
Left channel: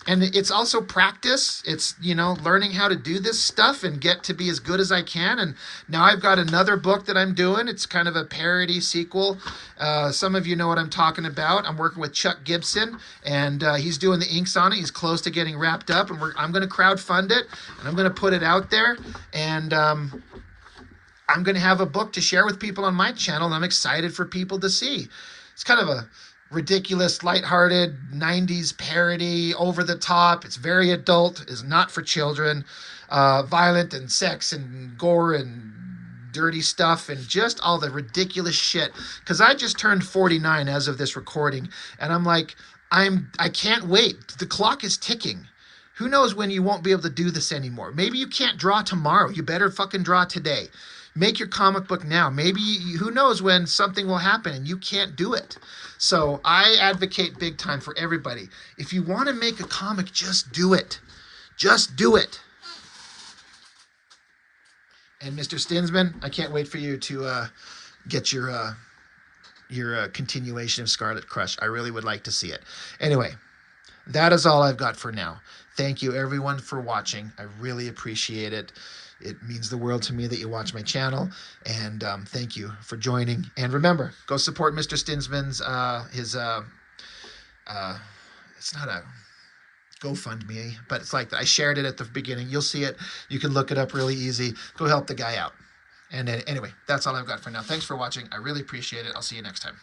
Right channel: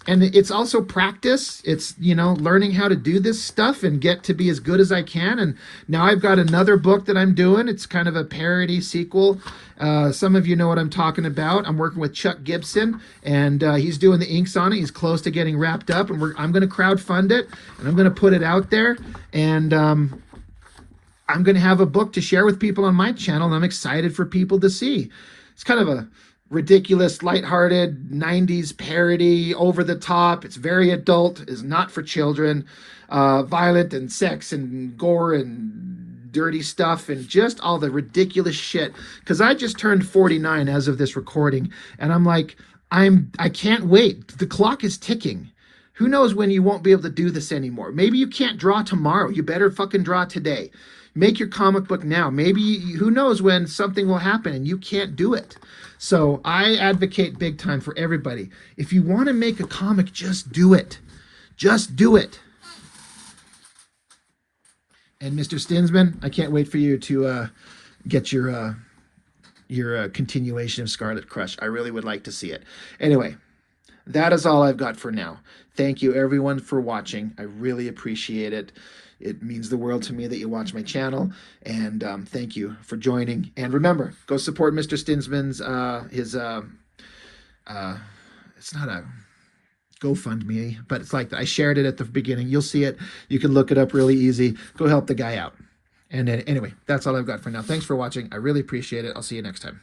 And it's also practice. It's, learning how to do this stuff and get to be as good as I can. And now I've got another book that I'm doing. It's kind of a parody sequel. Some of you know what I'm talking about. I'm working with Chuck Gibson, and he's doing the inks on it. He's close to getting wrapped up, and I'm going to crowdfund it, and I'm going to put it out there. And I'm going to have a book to share with people on my channel, and I'm excited for people to see. It's kind of a ridiculous, lighthearted 90s parody, over the top. It's very adult, is not for children, violent and sex and gore and dirty stuff and just all the ridiculous shit. Because I just turned 49 as of this recording, and I'm like, I can't wait. The clock is ticking. Who knows when you won't be able to do this anymore? Maybe you can't draw tomorrow. You better fucking draw today. Make your comic book now. Maybe, who knows when something will happen and you can't do it. So I advocate big time for everybody. If you want to make a comic, just do it. Just do it. And Mr. Stinsman, I can't wait for you to get your continuation of Scarlet Crush. I really would like to see it. Anyway, that is all I've got for now. Thank you everyone for watching. I really appreciate it. It means the world to me that you watch my channel, and thank you for joining. And remember, go support Mr. Stinsman's, it's not a GoFundMe, but it's like that. I shared it at the beginning. You'll see it. You can look it up really easy. Go help the guy out. And anyway, that's all I've got for now. Thanks for watching. I really appreciate it. I'll see you next time.